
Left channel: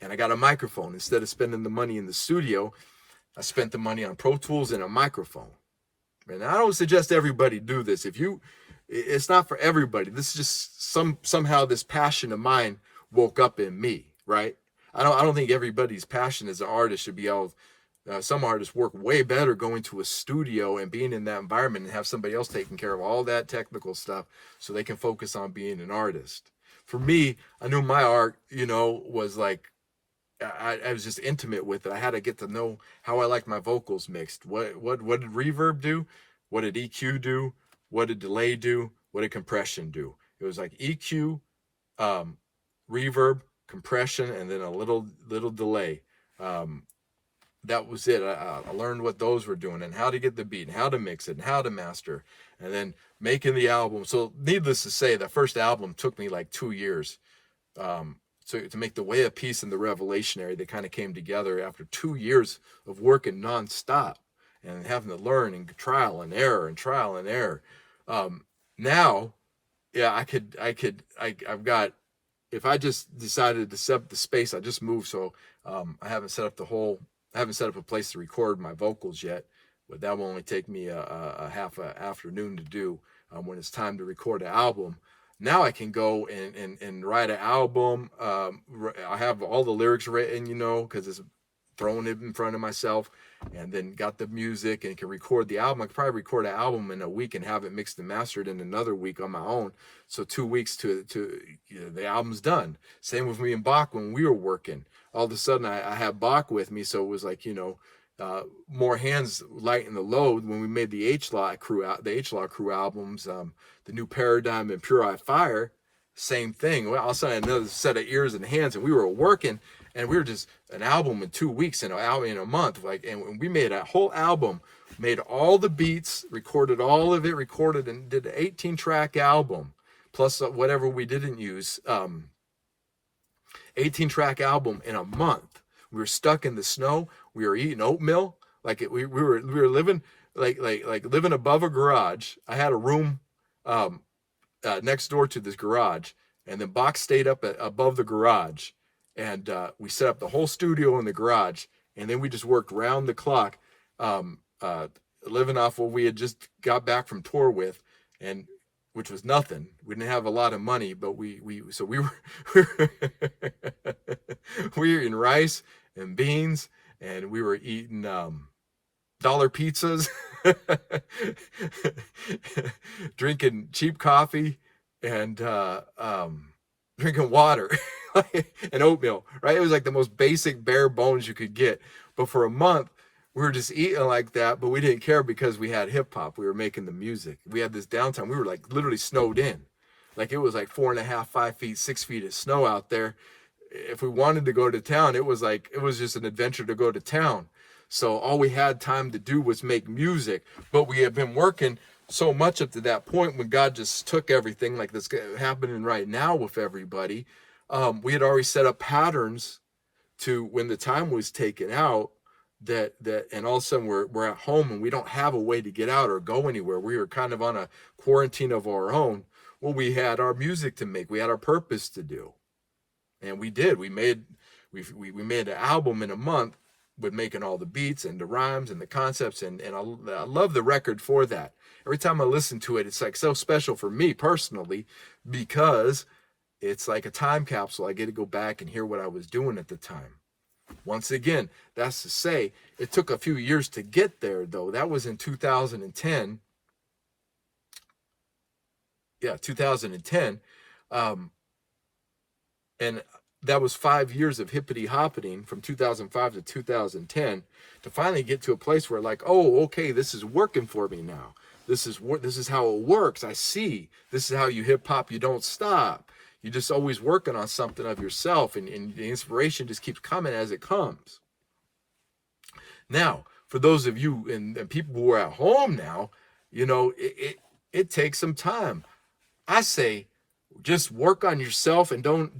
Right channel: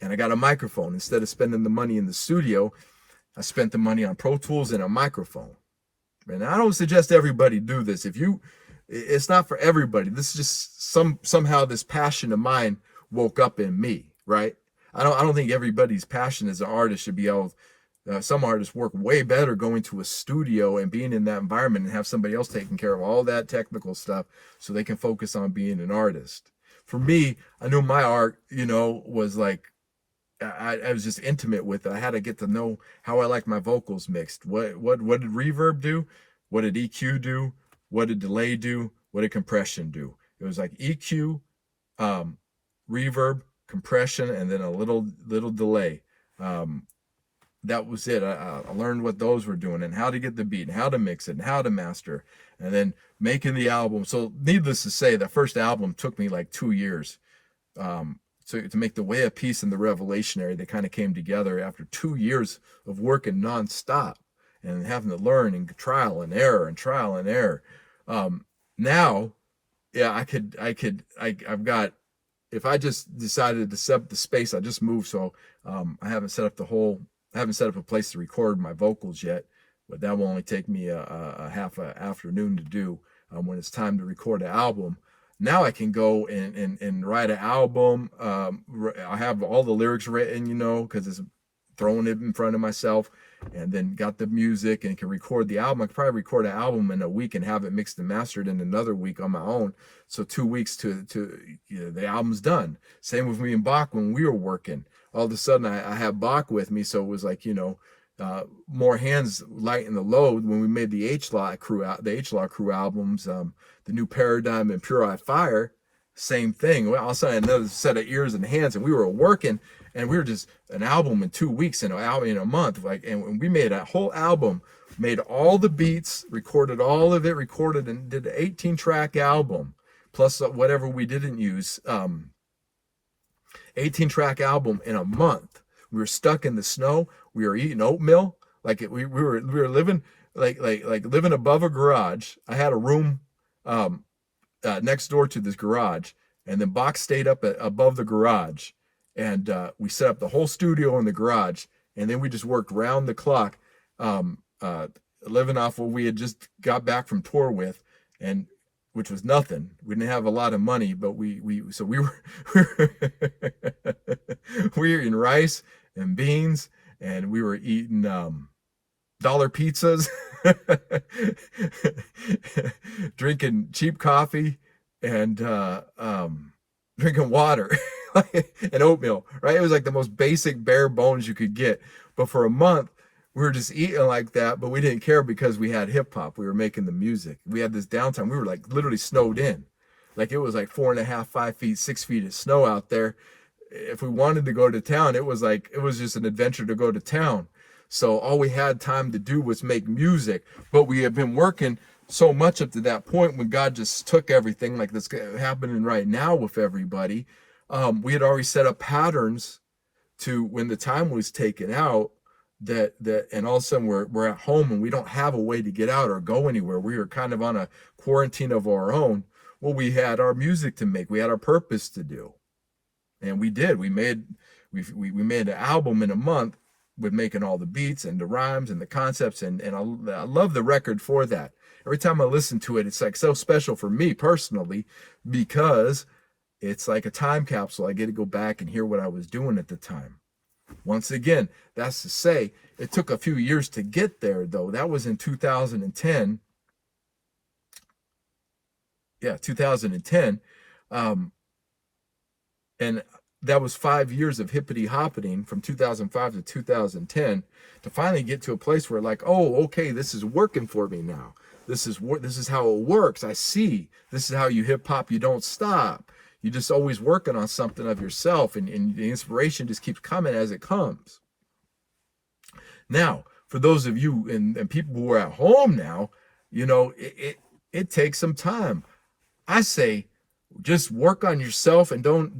and I got a microphone. Instead of spending the money in the studio, I spent the money on Pro Tools and a microphone. And I don't suggest everybody do this. It's not for everybody. This is just somehow this passion of mine woke up in me, right? I don't think everybody's passion as an artist should be able. Some artists work way better going to a studio and being in that environment and have somebody else taking care of all that technical stuff so they can focus on being an artist. For me, I knew my art, was like, I was just intimate with it. I had to get to know how I like my vocals mixed. What did reverb do? What did EQ do? What did delay do? What did compression do? It was like EQ, reverb, compression, and then a little delay. That was it. I learned what those were doing and how to get the beat and how to mix it and how to master, and then making the album. So needless to say, the first album took me like 2 years. So to make the Way of Peace and the Revelationary, they kind of came together after 2 years of working nonstop and having to learn and trial and error and trial and error. Now, yeah, I've got, if I just decided to set up the space, I just moved. So, I haven't set up a place to record my vocals yet, but that will only take me a half an afternoon to do, when it's time to record an album. Now I can go and write an album. I have all the lyrics written, because it's throwing it in front of myself, and then got the music and can record the album. I could probably record an album in a week and have it mixed and mastered in another week on my own. So 2 weeks to the album's done. Same with me and Bach when we were working. All of a sudden I had Bach with me, so it was like, more hands lighten the load when we made the H-Law Crew albums, the New Paradigm and Pure Eye Fire. Same thing. Well, all of a sudden another set of ears and hands, and we were working, and we were just an album in 2 weeks and an album in a month. And we made a whole album, made all the beats, recorded all of it, and did an 18-track album, plus whatever we didn't use. 18-track album in a month. We were stuck in the snow. We were eating oatmeal. We were living like living above a garage. I had a room next door to this garage, and then Bach stayed up above the garage, and we set up the whole studio in the garage, and then we just worked round the clock, living off what we had just got back from tour with, and which was nothing. We didn't have a lot of money, but we were we were eating rice and beans, and we were eating dollar pizzas, drinking cheap coffee, and drinking water and oatmeal, right? It was like the most basic bare bones you could get. But for a month, we were just eating like that, but we didn't care because we had hip hop. We were making the music. We had this downtime. We were like literally snowed in. Like it was like 4.5, 5 feet, 6 feet of snow out there. If we wanted to go to town, it was just an adventure to go to town. So all we had time to do was make music, but we had been working so much up to that point when God just took everything like this happening right now with everybody. We had already set up patterns to when the time was taken out, that and all of a sudden we're at home and we don't have a way to get out or go anywhere. We were kind of on a quarantine of our own. Well, we had our music to make. We had our purpose to do. And we did. We made an album in a month with making all the beats and the rhymes and the concepts, and I love the record for that. Every time I listen to it, it's like so special for me personally, because it's like a time capsule. I get to go back and hear what I was doing at the time. Once again, that's to say, it took a few years to get there, though. That was in 2010. Yeah, 2010. And that was 5 years of hippity hoppeting from 2005 to 2010 to finally get to a place where like, oh, okay, this is working for me now. This is how it works. I see. This is how you hip hop. You don't stop. You're just always working on something of yourself, and the inspiration just keeps coming as it comes. Now, for those of you and people who are at home now, it takes some time. I say, just work on yourself and don't,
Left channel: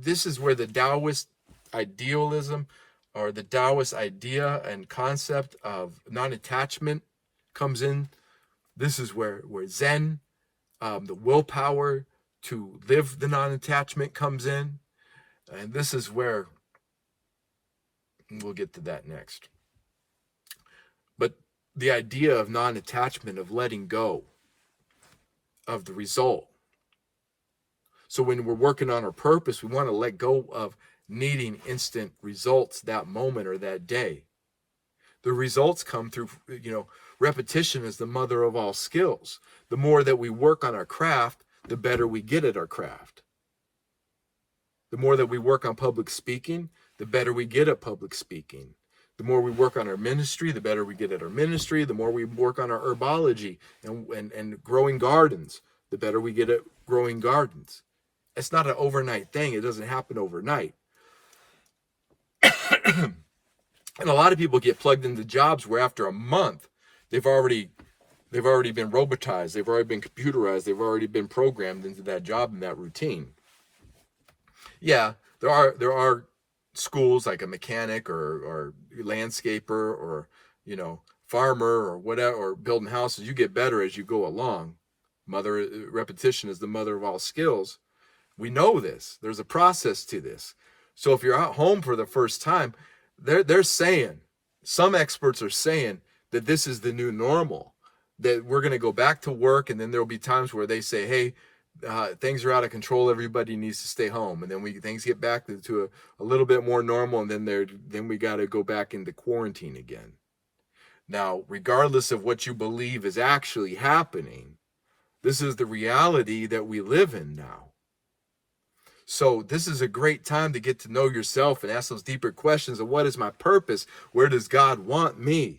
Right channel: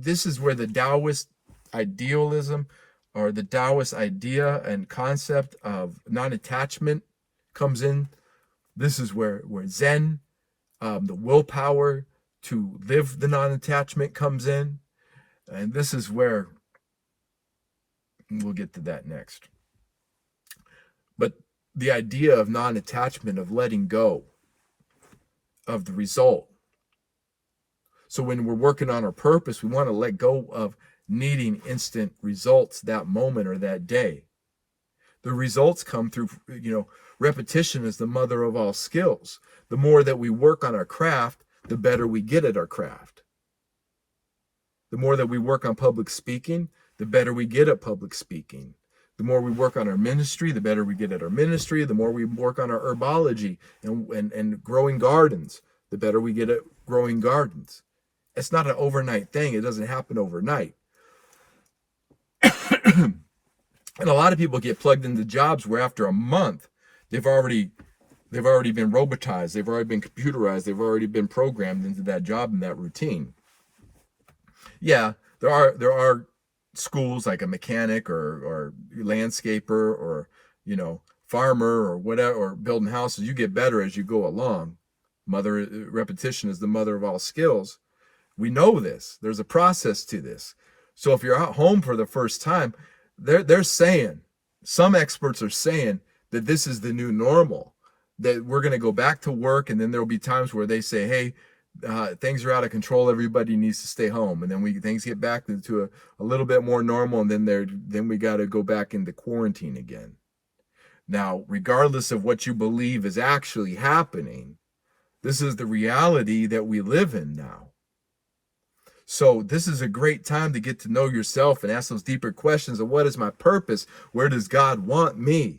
this is where the Taoist idealism or the Taoist idea and concept of non-attachment comes in. This is where Zen, the willpower to live the non-attachment comes in. And this is where And we'll get to that next. But the idea of non-attachment, of letting go of the result. So when we're working on our purpose, we want to let go of needing instant results that moment or that day. The results come through, repetition is the mother of all skills. The more that we work on our craft, the better we get at our craft. The more that we work on public speaking, the better we get at public speaking. The more we work on our ministry, the better we get at our ministry. The more we work on our herbology and growing gardens, the better we get at growing gardens. It's not an overnight thing. It doesn't happen overnight. And a lot of people get plugged into jobs where after a month, they've already been robotized, they've already been computerized, they've already been programmed into that job and that routine. Yeah, there are schools like a mechanic or landscaper or farmer or whatever, or building houses. You get better as you go along. Repetition is the mother of all skills. We know this. There's a process to this. So if you're at home for the first time, they're saying, some experts are saying that this is the new normal, that we're going to go back to work, and then there'll be times where they say, hey, things are out of control, everybody needs to stay home, and then things get back to a little bit more normal, and then we got to go back into quarantine again. Now, regardless of what you believe is actually happening, this is the reality that we live in now. So this is a great time to get to know yourself and ask those deeper questions of what is my purpose? Where does God want me?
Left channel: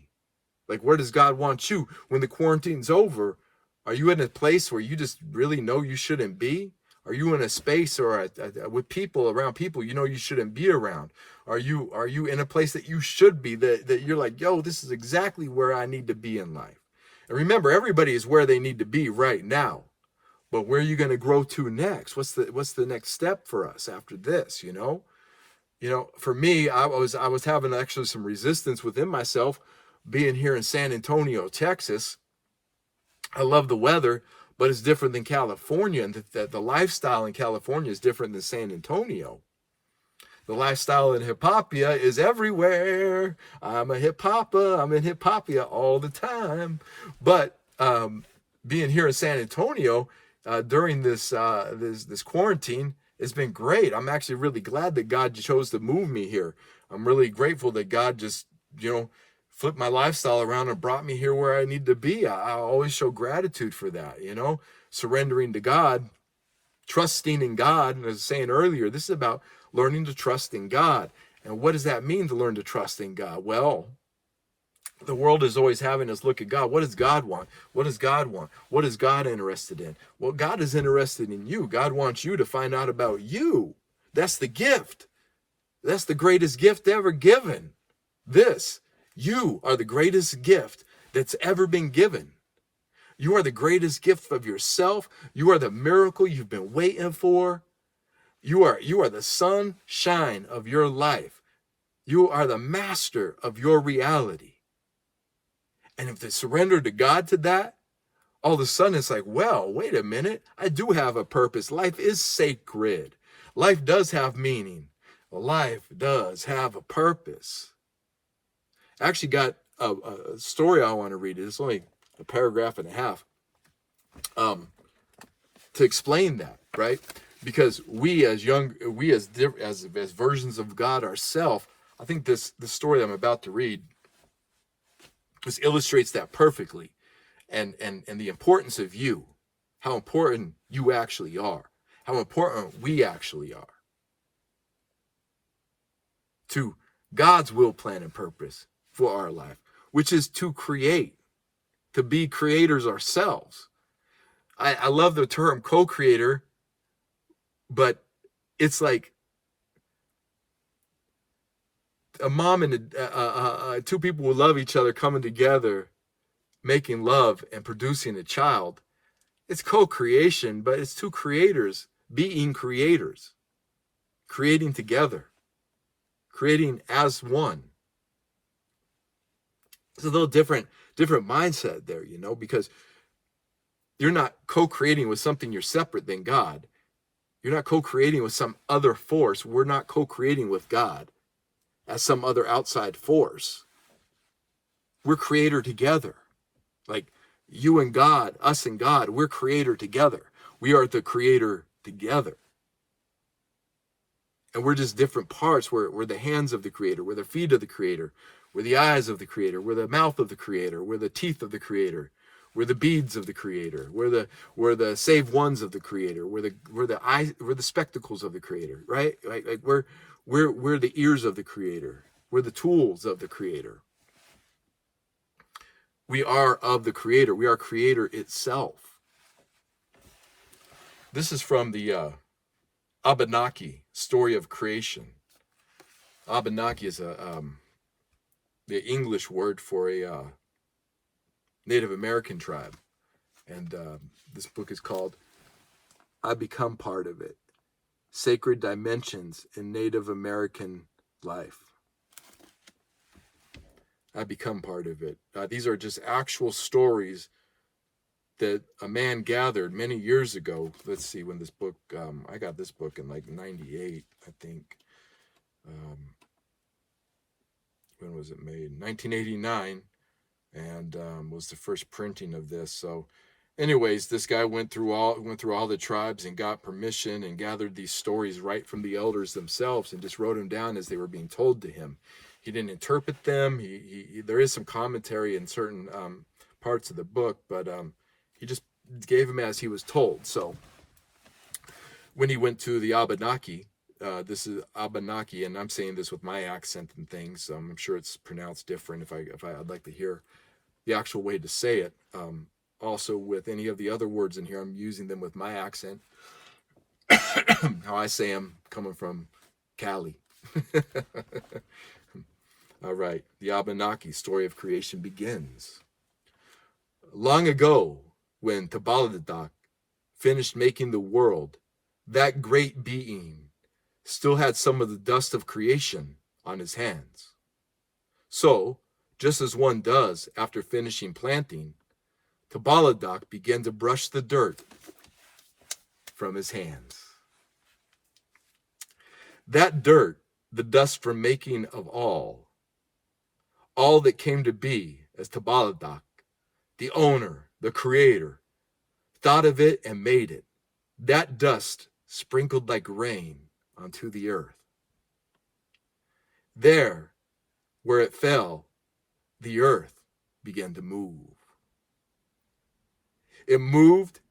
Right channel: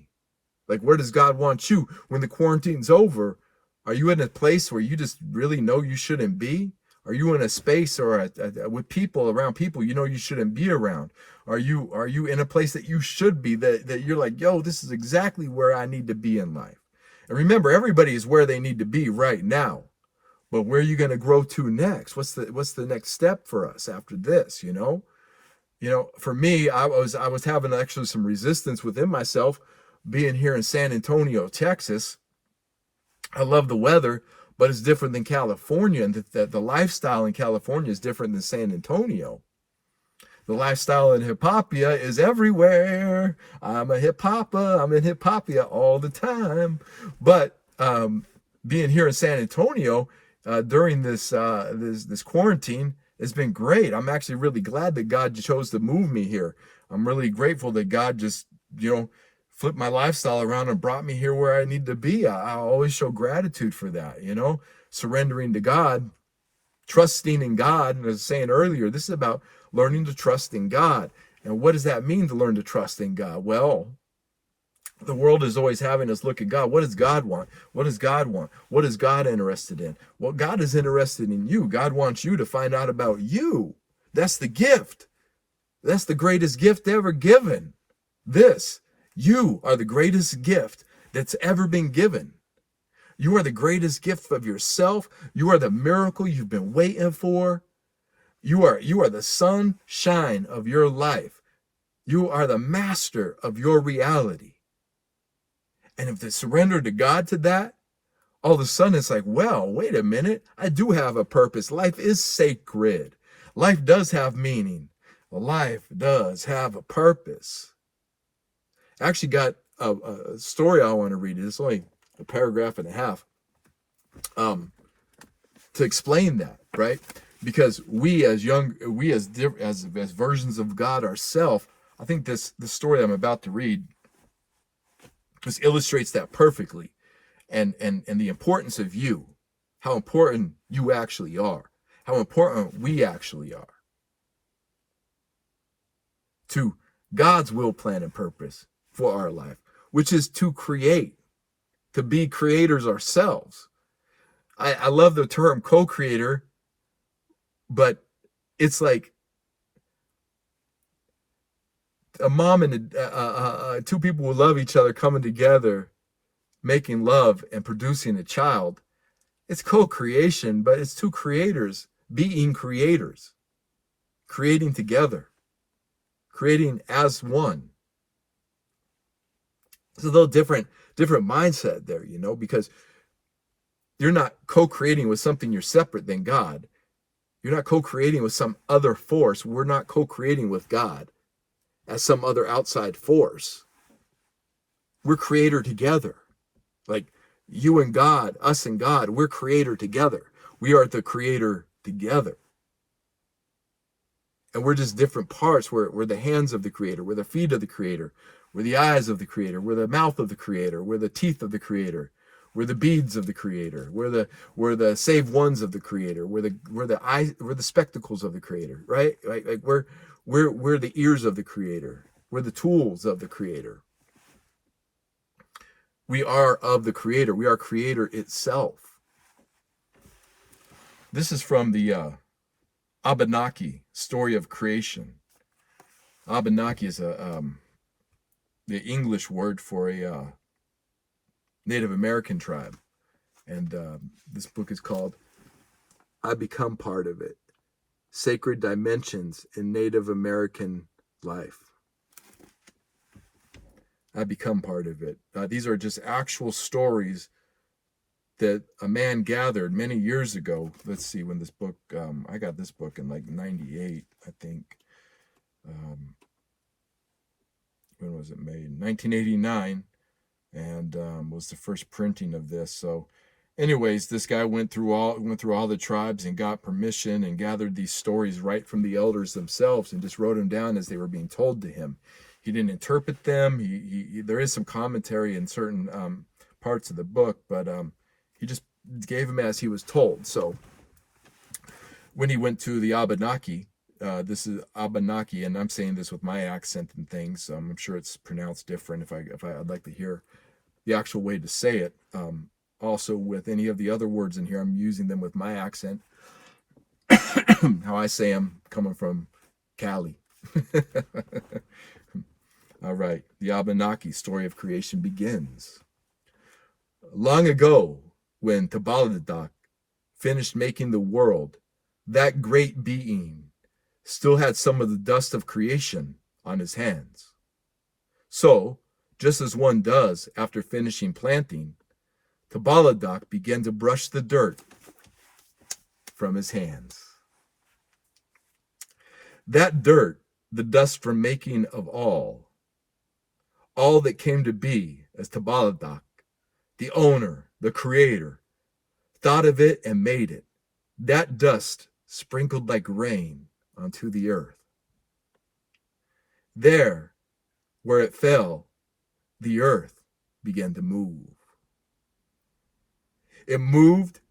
Like, where does God want you? When the quarantine's over, are you in a place where you just really know you shouldn't be? Are you in a space or with people, around people you shouldn't be around? Are you in a place that you should be, that you're like, yo, this is exactly where I need to be in life? And remember, everybody is where they need to be right now. But where are you going to grow to next? What's the next step for us after this? For me, I was having actually some resistance within myself being here in San Antonio, Texas. I love the weather, but it's different than California, and the lifestyle in California is different than San Antonio. The lifestyle in Hippopia is everywhere. I'm a Hippopia. I'm in Hippopia all the time. But being here in San Antonio during this quarantine, it's been great. I'm actually really glad that God chose to move me here. I'm really grateful that God just, flipped my lifestyle around and brought me here where I need to be. I always show gratitude for that, surrendering to God, trusting in God. And as I was saying earlier, this is about learning to trust in God. And what does that mean to learn to trust in God? Well, the world is always having us look at God. What does God want? What does God want? What is God interested in? Well, God is interested in you. God wants you to find out about you. That's the gift. That's the greatest gift ever given. You are the greatest gift that's ever been given. You are the greatest gift of yourself. You are the miracle you've been waiting for. You are the sunshine of your life. You are the master of your reality. And if they surrender to God to that, all of a sudden it's like, well, wait a minute. I do have a purpose. Life is sacred. Life does have meaning. Life does have a purpose. I actually got a story I want to read. It's only a paragraph and a half to explain that, right? Because we as versions of God ourselves, I think the story I'm about to read just illustrates that perfectly, and the importance of you, how important you actually are, how important we actually are to God's will, plan, and purpose for our life, which is to create, to be creators ourselves. I love the term co-creator, but it's like a mom and two people who love each other coming together, making love and producing a child. It's co-creation, but it's two creators being creators, creating together, creating as one. It's a little different mindset there, because you're not co-creating with something you're separate than God. You're not co-creating with some other force. We're not co-creating with God. as some other outside force. We're creator together. Like you and God, us and God, we're creator together. We are the creator together. And we're just different parts. We're the hands of the creator. We're the feet of the creator. We're the eyes of the creator. We're the mouth of the creator. We're the teeth of the creator. We're the beads of the creator. We're the saved ones of the creator. We're the spectacles of the creator, right? Like we're the ears of the creator. We're the tools of the creator. We are of the creator. We are creator itself. This is from the Abenaki story of creation. Abenaki is the English word for a Native American tribe. And this book is called I Become Part of It, Sacred Dimensions in Native American Life. I become part of it. These are just actual stories that a man gathered many years ago. Let's see, when this book, I got this book in like 98, I think. When was it made? 1989, and was the first printing of this. So anyways, this guy went through all the tribes and got permission and gathered these stories right from the elders themselves and just wrote them down as they were being told to him. He didn't interpret them. There is some commentary in certain parts of the book, but he just gave them as he was told. So when he went to the Abenaki, this is Abenaki, and I'm saying this with my accent and things. I'm sure it's pronounced different. I'd like to hear the actual way to say it. Also, with any of the other words in here, I'm using them with my accent. How I say them, coming from Cali. All right, the Abenaki story of creation begins. Long ago, when Tabaladak finished making the world, that great being still had some of the dust of creation on his hands. So, just as one does after finishing planting, Tabaladak began to brush the dirt from his hands. That dirt, the dust from making of all that came to be as Tabaladak, the owner, the creator, thought of it and made it. That dust sprinkled like rain onto the earth. There, where it fell, the earth began to move. It moved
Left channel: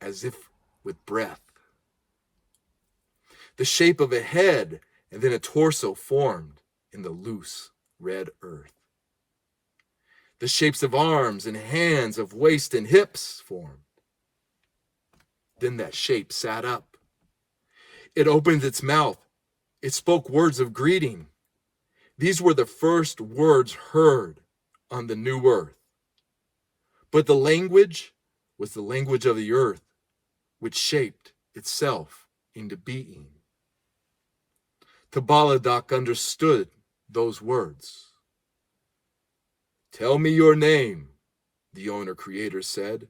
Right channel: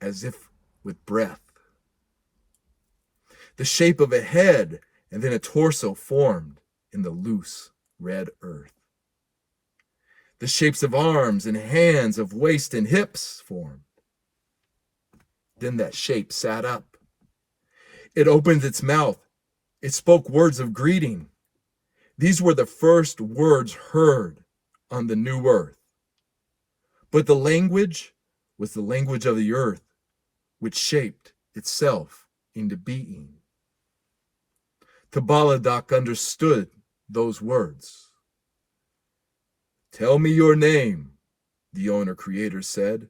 as if with breath. The shape of a head and then a torso formed in the loose red earth. The shapes of arms and hands, of waist and hips formed. Then that shape sat up. It opened its mouth. It spoke words of greeting. These were the first words heard on the new earth. But the language was the language of the earth, which shaped itself into being. Tabaladak understood those words. Tell me your name, the owner creator said.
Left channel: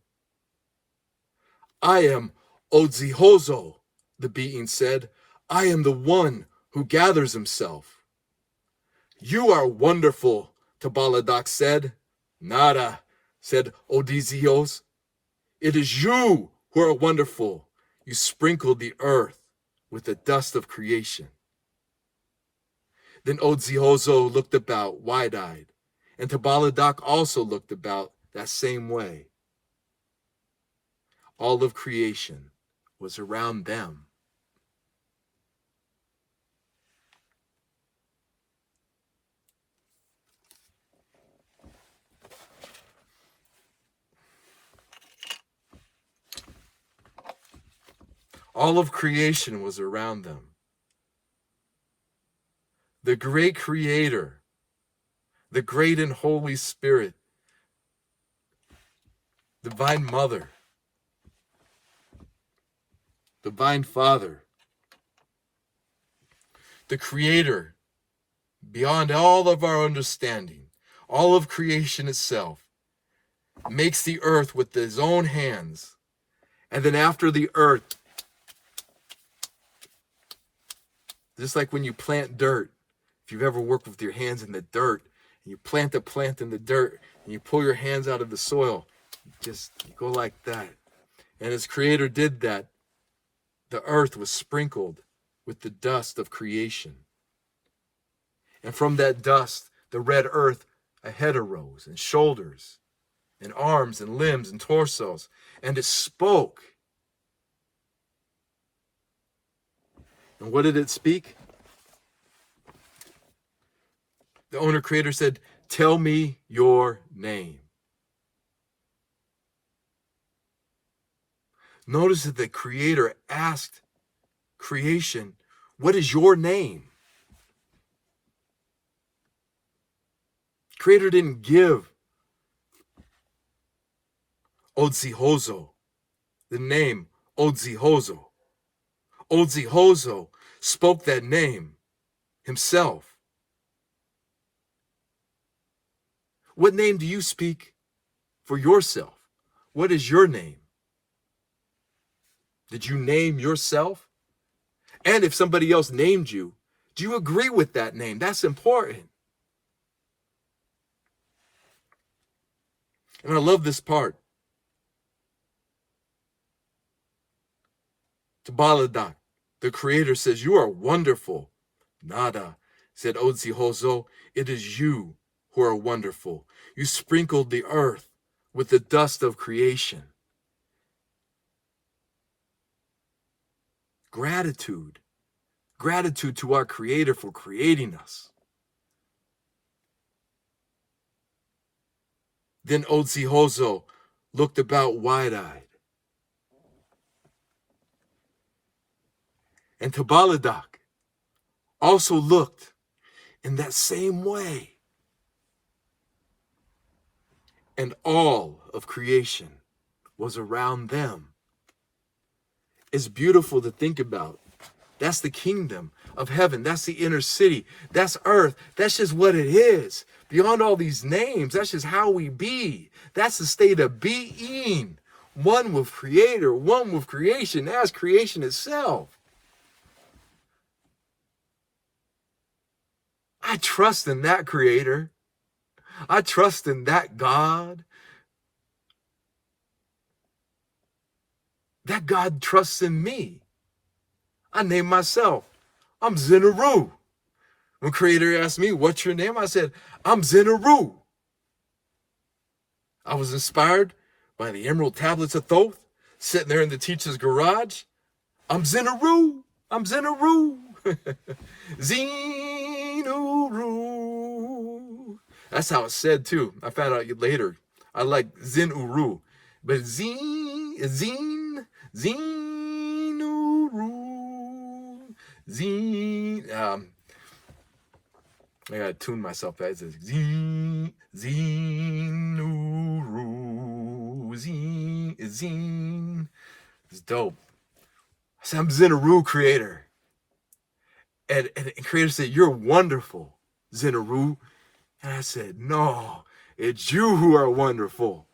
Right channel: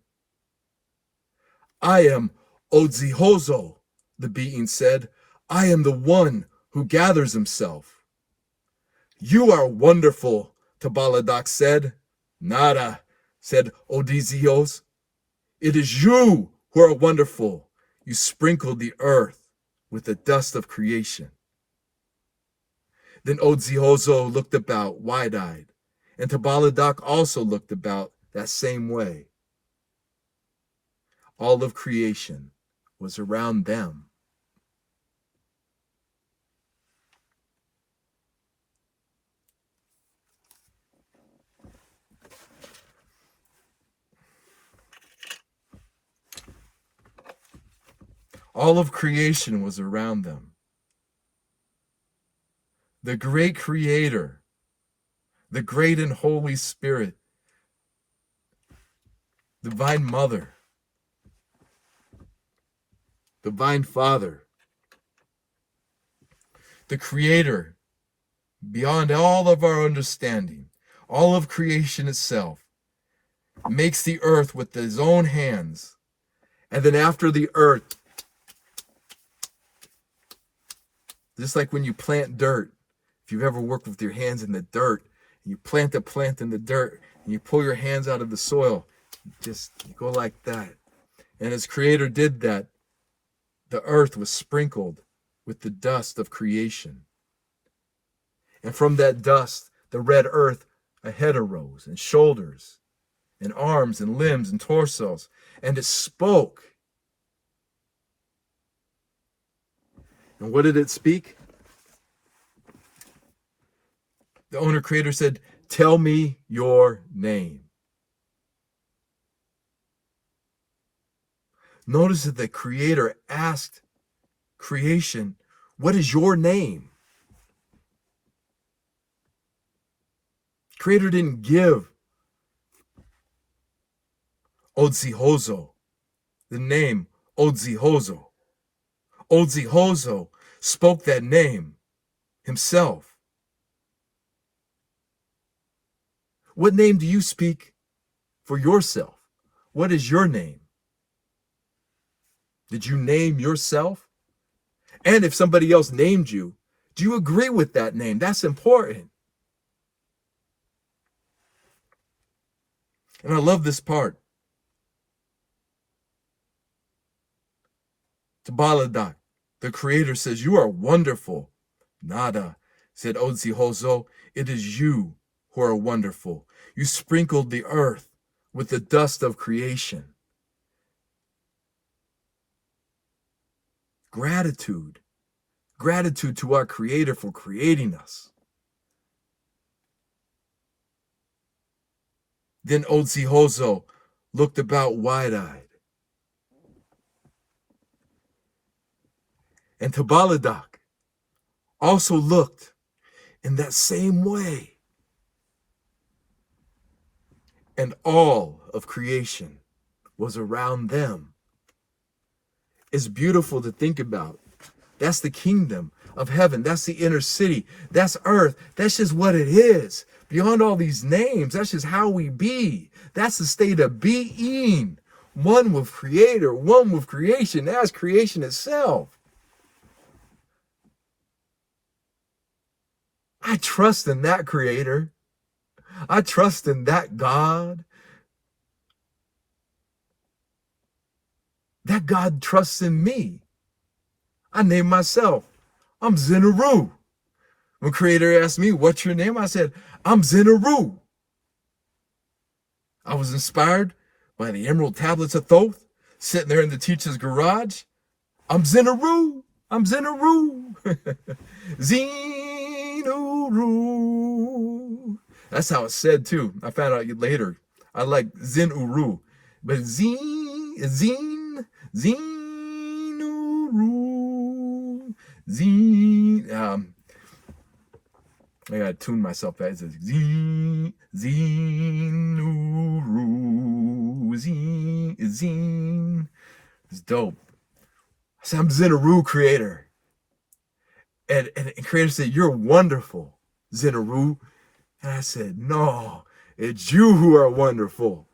I am Odzihozo, the being said. I am the one who gathers himself. You are wonderful, Tabaladak said. Nada, said Odizios. It is you who are wonderful. You sprinkled the earth with the dust of creation. Then Odzihozo looked about, wide-eyed, and Tabaladak also looked about that same way. All of creation was around them. All of creation was around them. The great creator, the great and Holy Spirit, Divine Mother, Divine Father, the Creator, beyond all of our understanding, all of creation itself, makes the earth with his own hands. And then after the earth, just like when you plant dirt, if you've ever worked with your hands in the dirt, and you plant a plant in the dirt, and you pull your hands out of the soil, just go like that. And as Creator did that, the earth was sprinkled with the dust of creation. And from that dust, the red earth, a head arose, and shoulders, and arms, and limbs, and torsos, and it spoke. And what did it speak? The owner creator said, "Tell me your name." Notice that the creator asked creation, "What is your name?" Creator didn't give Odzihozo the name Odzihozo. Odzihozo spoke that name himself. What name do you speak for yourself? What is your name? Did you name yourself? And if somebody else named you, do you agree with that name? That's important. And I love this part. Tabaladak, the creator, says, "You are wonderful." Nada, said Odzihozo, "It is you who are wonderful. You sprinkled the earth with the dust of creation." Gratitude. Gratitude to our Creator for creating us. Then Odzihozo looked about wide-eyed. And Tabaladak also looked in that same way. And all of creation was around them. It's beautiful to think about. That's the kingdom of heaven. That's the inner city. That's earth. That's just what it is. Beyond all these names, that's just how we be. That's the state of being. One with Creator, one with creation. That's creation itself. I trust in that Creator. I trust in that God. That God trusts in me. I named myself. I'm Zin Uru. When Creator asked me, "What's your name?" I said, "I'm Zin Uru." I was inspired by the Emerald Tablets of Thoth, sitting there in the teacher's garage. I'm Zin Uru. I'm Zin Uru. Zin Uru. That's how it's said too. I found out later. I like Zin Uru. But Zin Uru. Zin. I gotta tune myself back. It says Zin Uru. Zin. It's dope. I said, "I'm Zin Uru, Creator." And Creator said, "You're wonderful, Zin Uru." And I said, "No, it's you who are wonderful."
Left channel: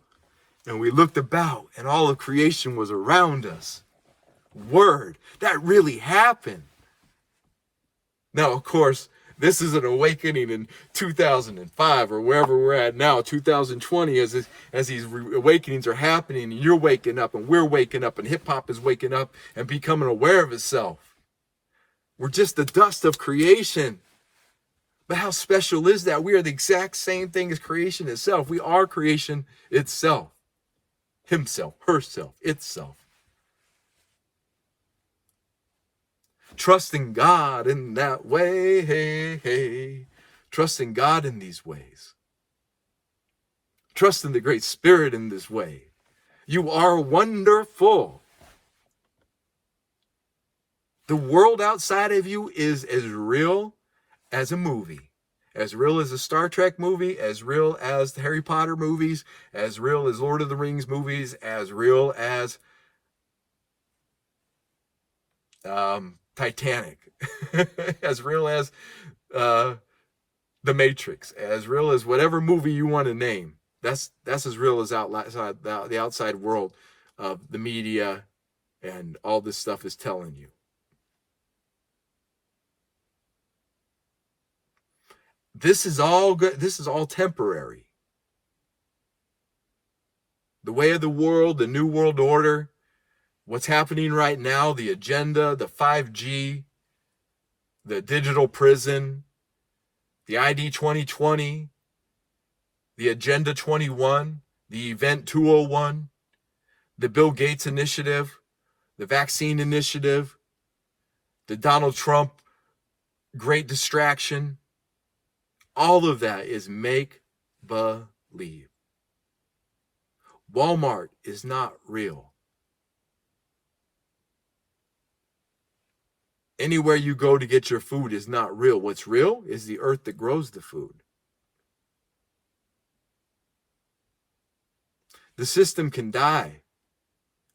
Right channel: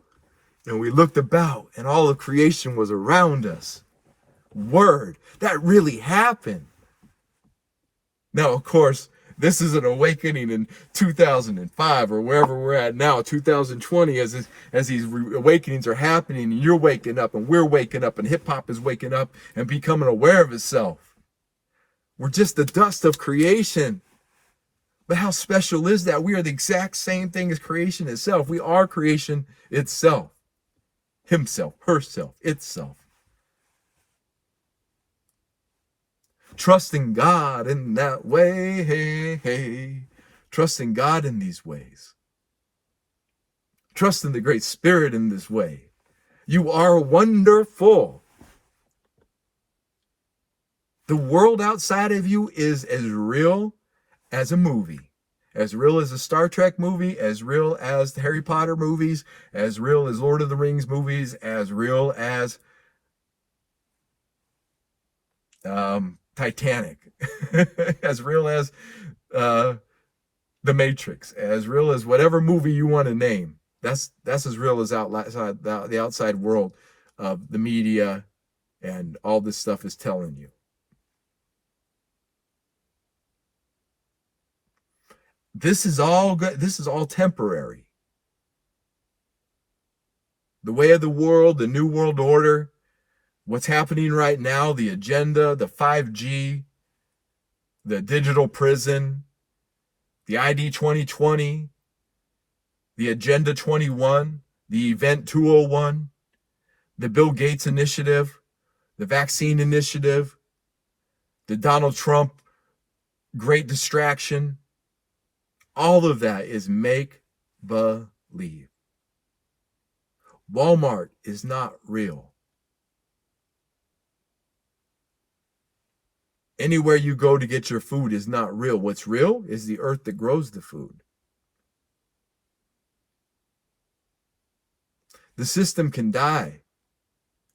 And we looked about, and all of creation was around us. Word, that really happened. Now, of course, this is an awakening in 2005 or wherever we're at now, 2020, as these awakenings are happening, and you're waking up, and we're waking up, and hip-hop is waking up and becoming aware of itself. We're just the dust of creation. But how special is that? We are the exact same thing as creation itself. We are creation itself. Himself, herself, itself. Trusting God in that way, hey, hey. Trusting God in these ways. Trusting the Great Spirit in this way. You are wonderful. The world outside of you is as real as a movie. As real as a Star Trek movie, as real as the Harry Potter movies, as real as Lord of the Rings movies, as real as Titanic, as real as The Matrix, as real as whatever movie you want to name. That's as real as the outside world of the media and all this stuff is telling you. This is all good. This is all temporary. The way of the world, the new world order, what's happening right now, the agenda, the 5G, the digital prison, the ID 2020, the Agenda 21, the Event 201, the Bill Gates initiative, the vaccine initiative, the Donald Trump great distraction, all of that is make believe. Walmart is not real. Anywhere you go to get your food is not real. What's real is the earth that grows the food. The system can die.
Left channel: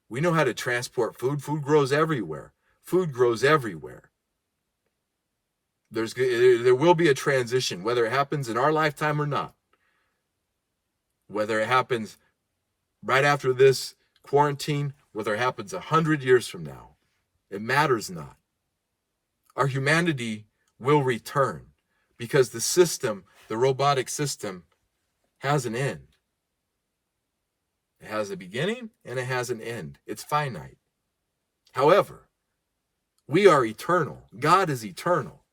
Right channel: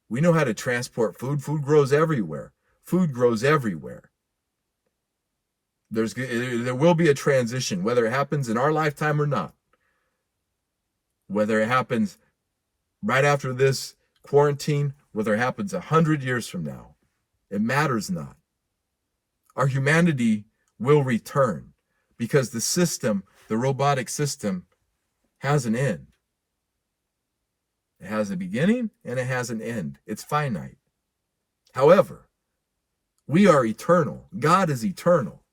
We know how to transport food. Food grows everywhere. Food grows everywhere. There will be a transition, whether it happens in our lifetime or not. Whether it happens right after this quarantine, whether it happens 100 years from now, it matters not. Our humanity will return because the system, the robotic system, has an end. It has a beginning and it has an end. It's finite. However, we are eternal. God is eternal.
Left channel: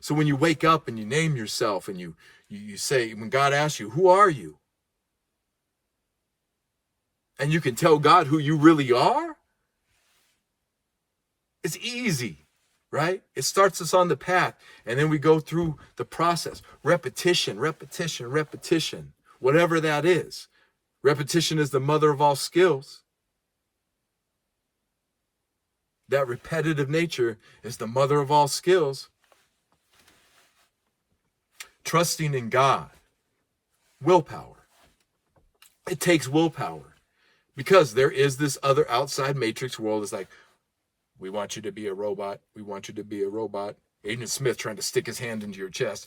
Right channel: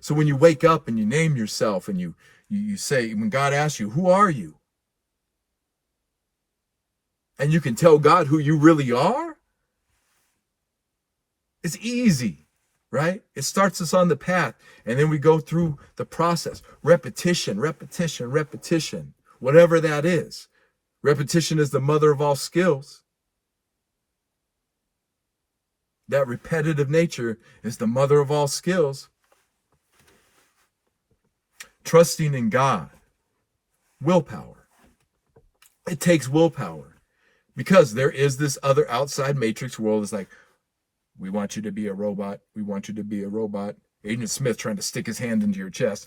So when you wake up and you name yourself and you say, when God asks you, who are you? And you can tell God who you really are, it's easy, right? It starts us on the path, and then we go through the process. Repetition, repetition, repetition, whatever that is. Repetition is the mother of all skills. That repetitive nature is the mother of all skills. Trusting in God. Willpower. It takes willpower. Because there is this other outside matrix world that's like, we want you to be a robot. We want you to be a robot. Agent Smith trying to stick his hand into your chest,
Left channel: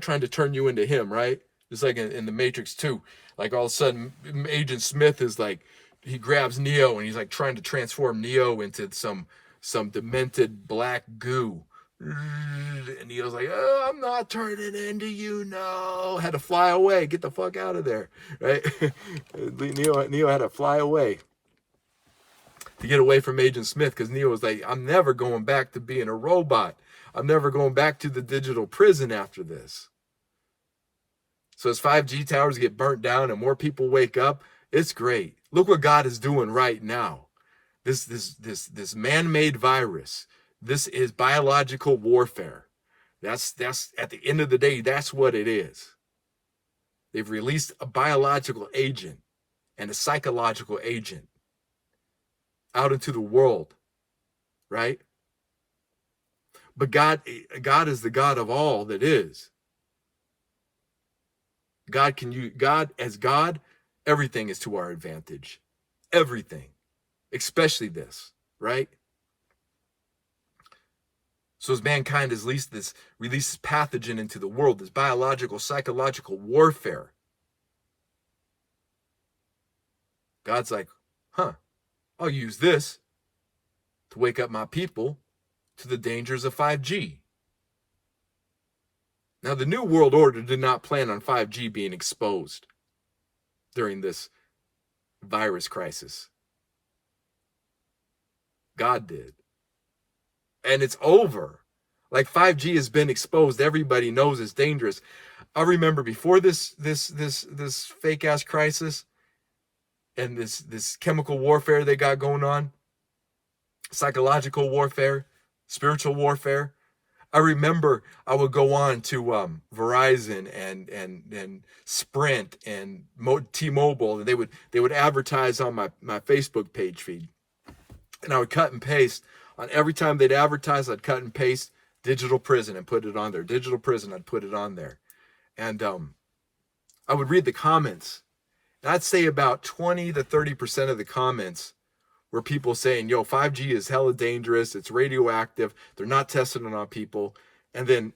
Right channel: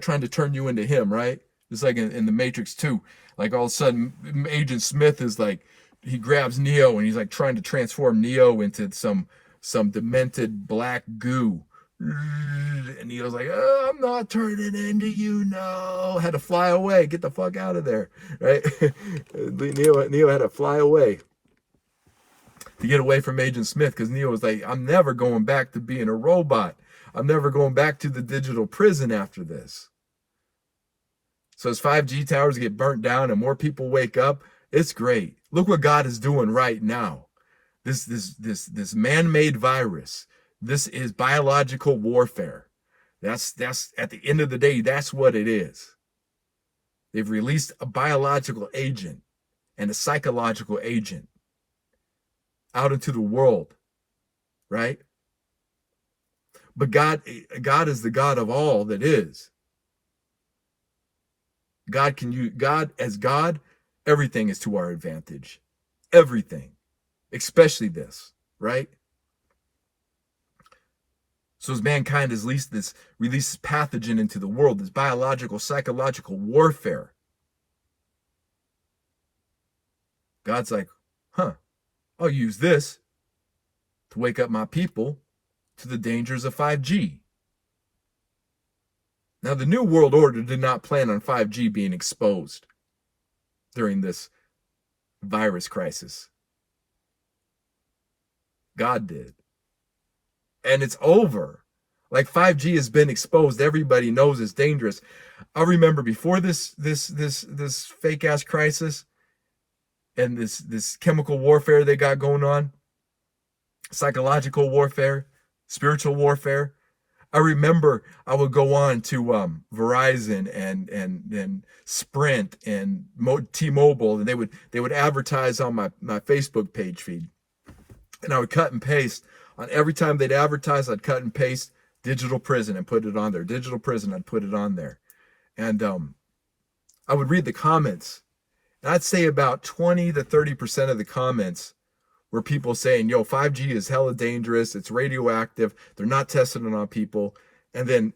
trying to turn you into him, right? Just like in the Matrix 2. Like all of a sudden, Agent Smith is like, he grabs Neo and he's like trying to transform Neo into some demented black goo. And Neo's like, oh, I'm not turning into you, no. Had to fly away. Get the fuck out of there, right? Neo had to fly away to get away from Agent Smith, because Neo was like, I'm never going back to being a robot. I'm never going back to the digital prison after this. So as 5G towers get burnt down and more people wake up, it's great. Look what God is doing right now. This man-made virus. This is biological warfare. That's at the end of the day, that's what it is. They've released a biological agent and a psychological agent out into the world, right? But God is the God of all that is. God, everything is to our advantage. Everything. Especially this, right? So as mankind has released this pathogen into the world, this biological, psychological warfare, God's like, I'll use this to wake up my people to the dangers of 5G. Now, the New World Order did not plan on 5G being exposed during this virus crisis. God did. And it's over. Like 5G has been exposed. Everybody knows it's dangerous. I remember before this fake ass crisis and this chemical warfare they got going on, psychological warfare, spiritual warfare. I remember I would go on to Verizon and Sprint and T-Mobile, and they would advertise on my Facebook page feed, and I would cut and paste. On every time they'd advertise, I'd cut and paste digital prison and put it on there. Digital prison, I'd put it on there. And I would read the comments. And I'd say about 20 to 30% of the comments were people saying, yo, 5G is hella dangerous. It's radioactive. They're not testing it on people. And then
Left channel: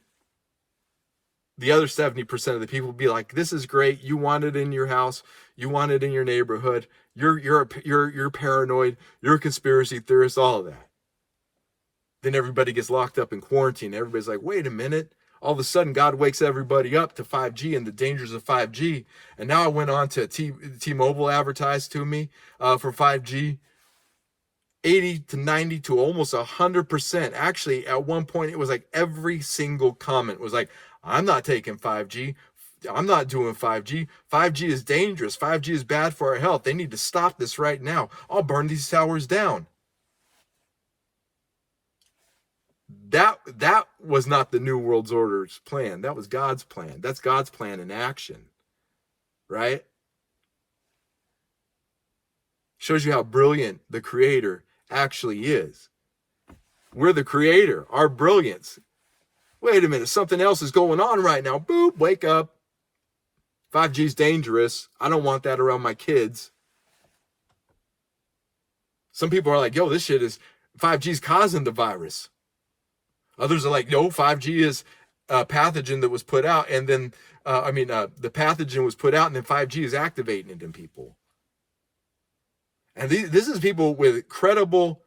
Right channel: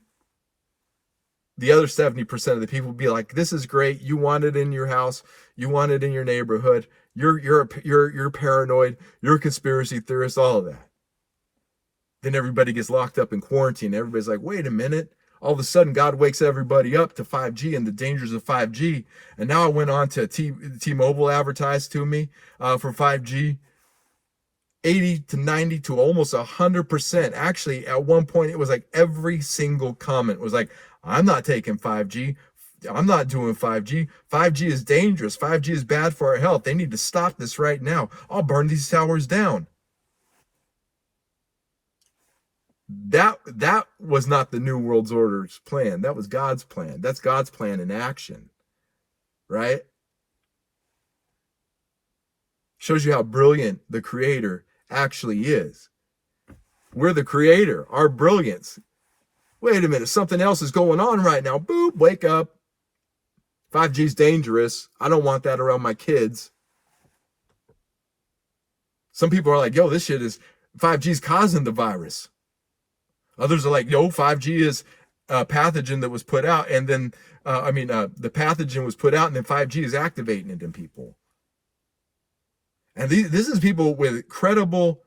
the other 70% of the people would be like, this is great. You want it in your house. You want it in your neighborhood. You're paranoid. You're a conspiracy theorist, all of that. Then everybody gets locked up in quarantine. Everybody's like, wait a minute. All of a sudden, God wakes everybody up to 5G and the dangers of 5G. And now I went on to T-Mobile advertised to me for 5G. 80 to 90 to almost 100%. Actually, at one point, it was like every single comment was like, I'm not taking 5G. I'm not doing 5G. 5G is dangerous. 5G is bad for our health. They need to stop this right now. I'll burn these towers down. That was not the New World Order's plan. That was God's plan. That's God's plan in action, right? Shows you how brilliant the Creator actually is. We're the Creator, our brilliance. Wait a minute, something else is going on right now. Boop, wake up. 5G is dangerous. I don't want that around my kids. Some people are like, yo, this shit is, 5G is causing the virus. Others are like, yo, 5G is a pathogen that was put out, and then, the pathogen was put out, and then 5G is activating it in people. And this is people with credible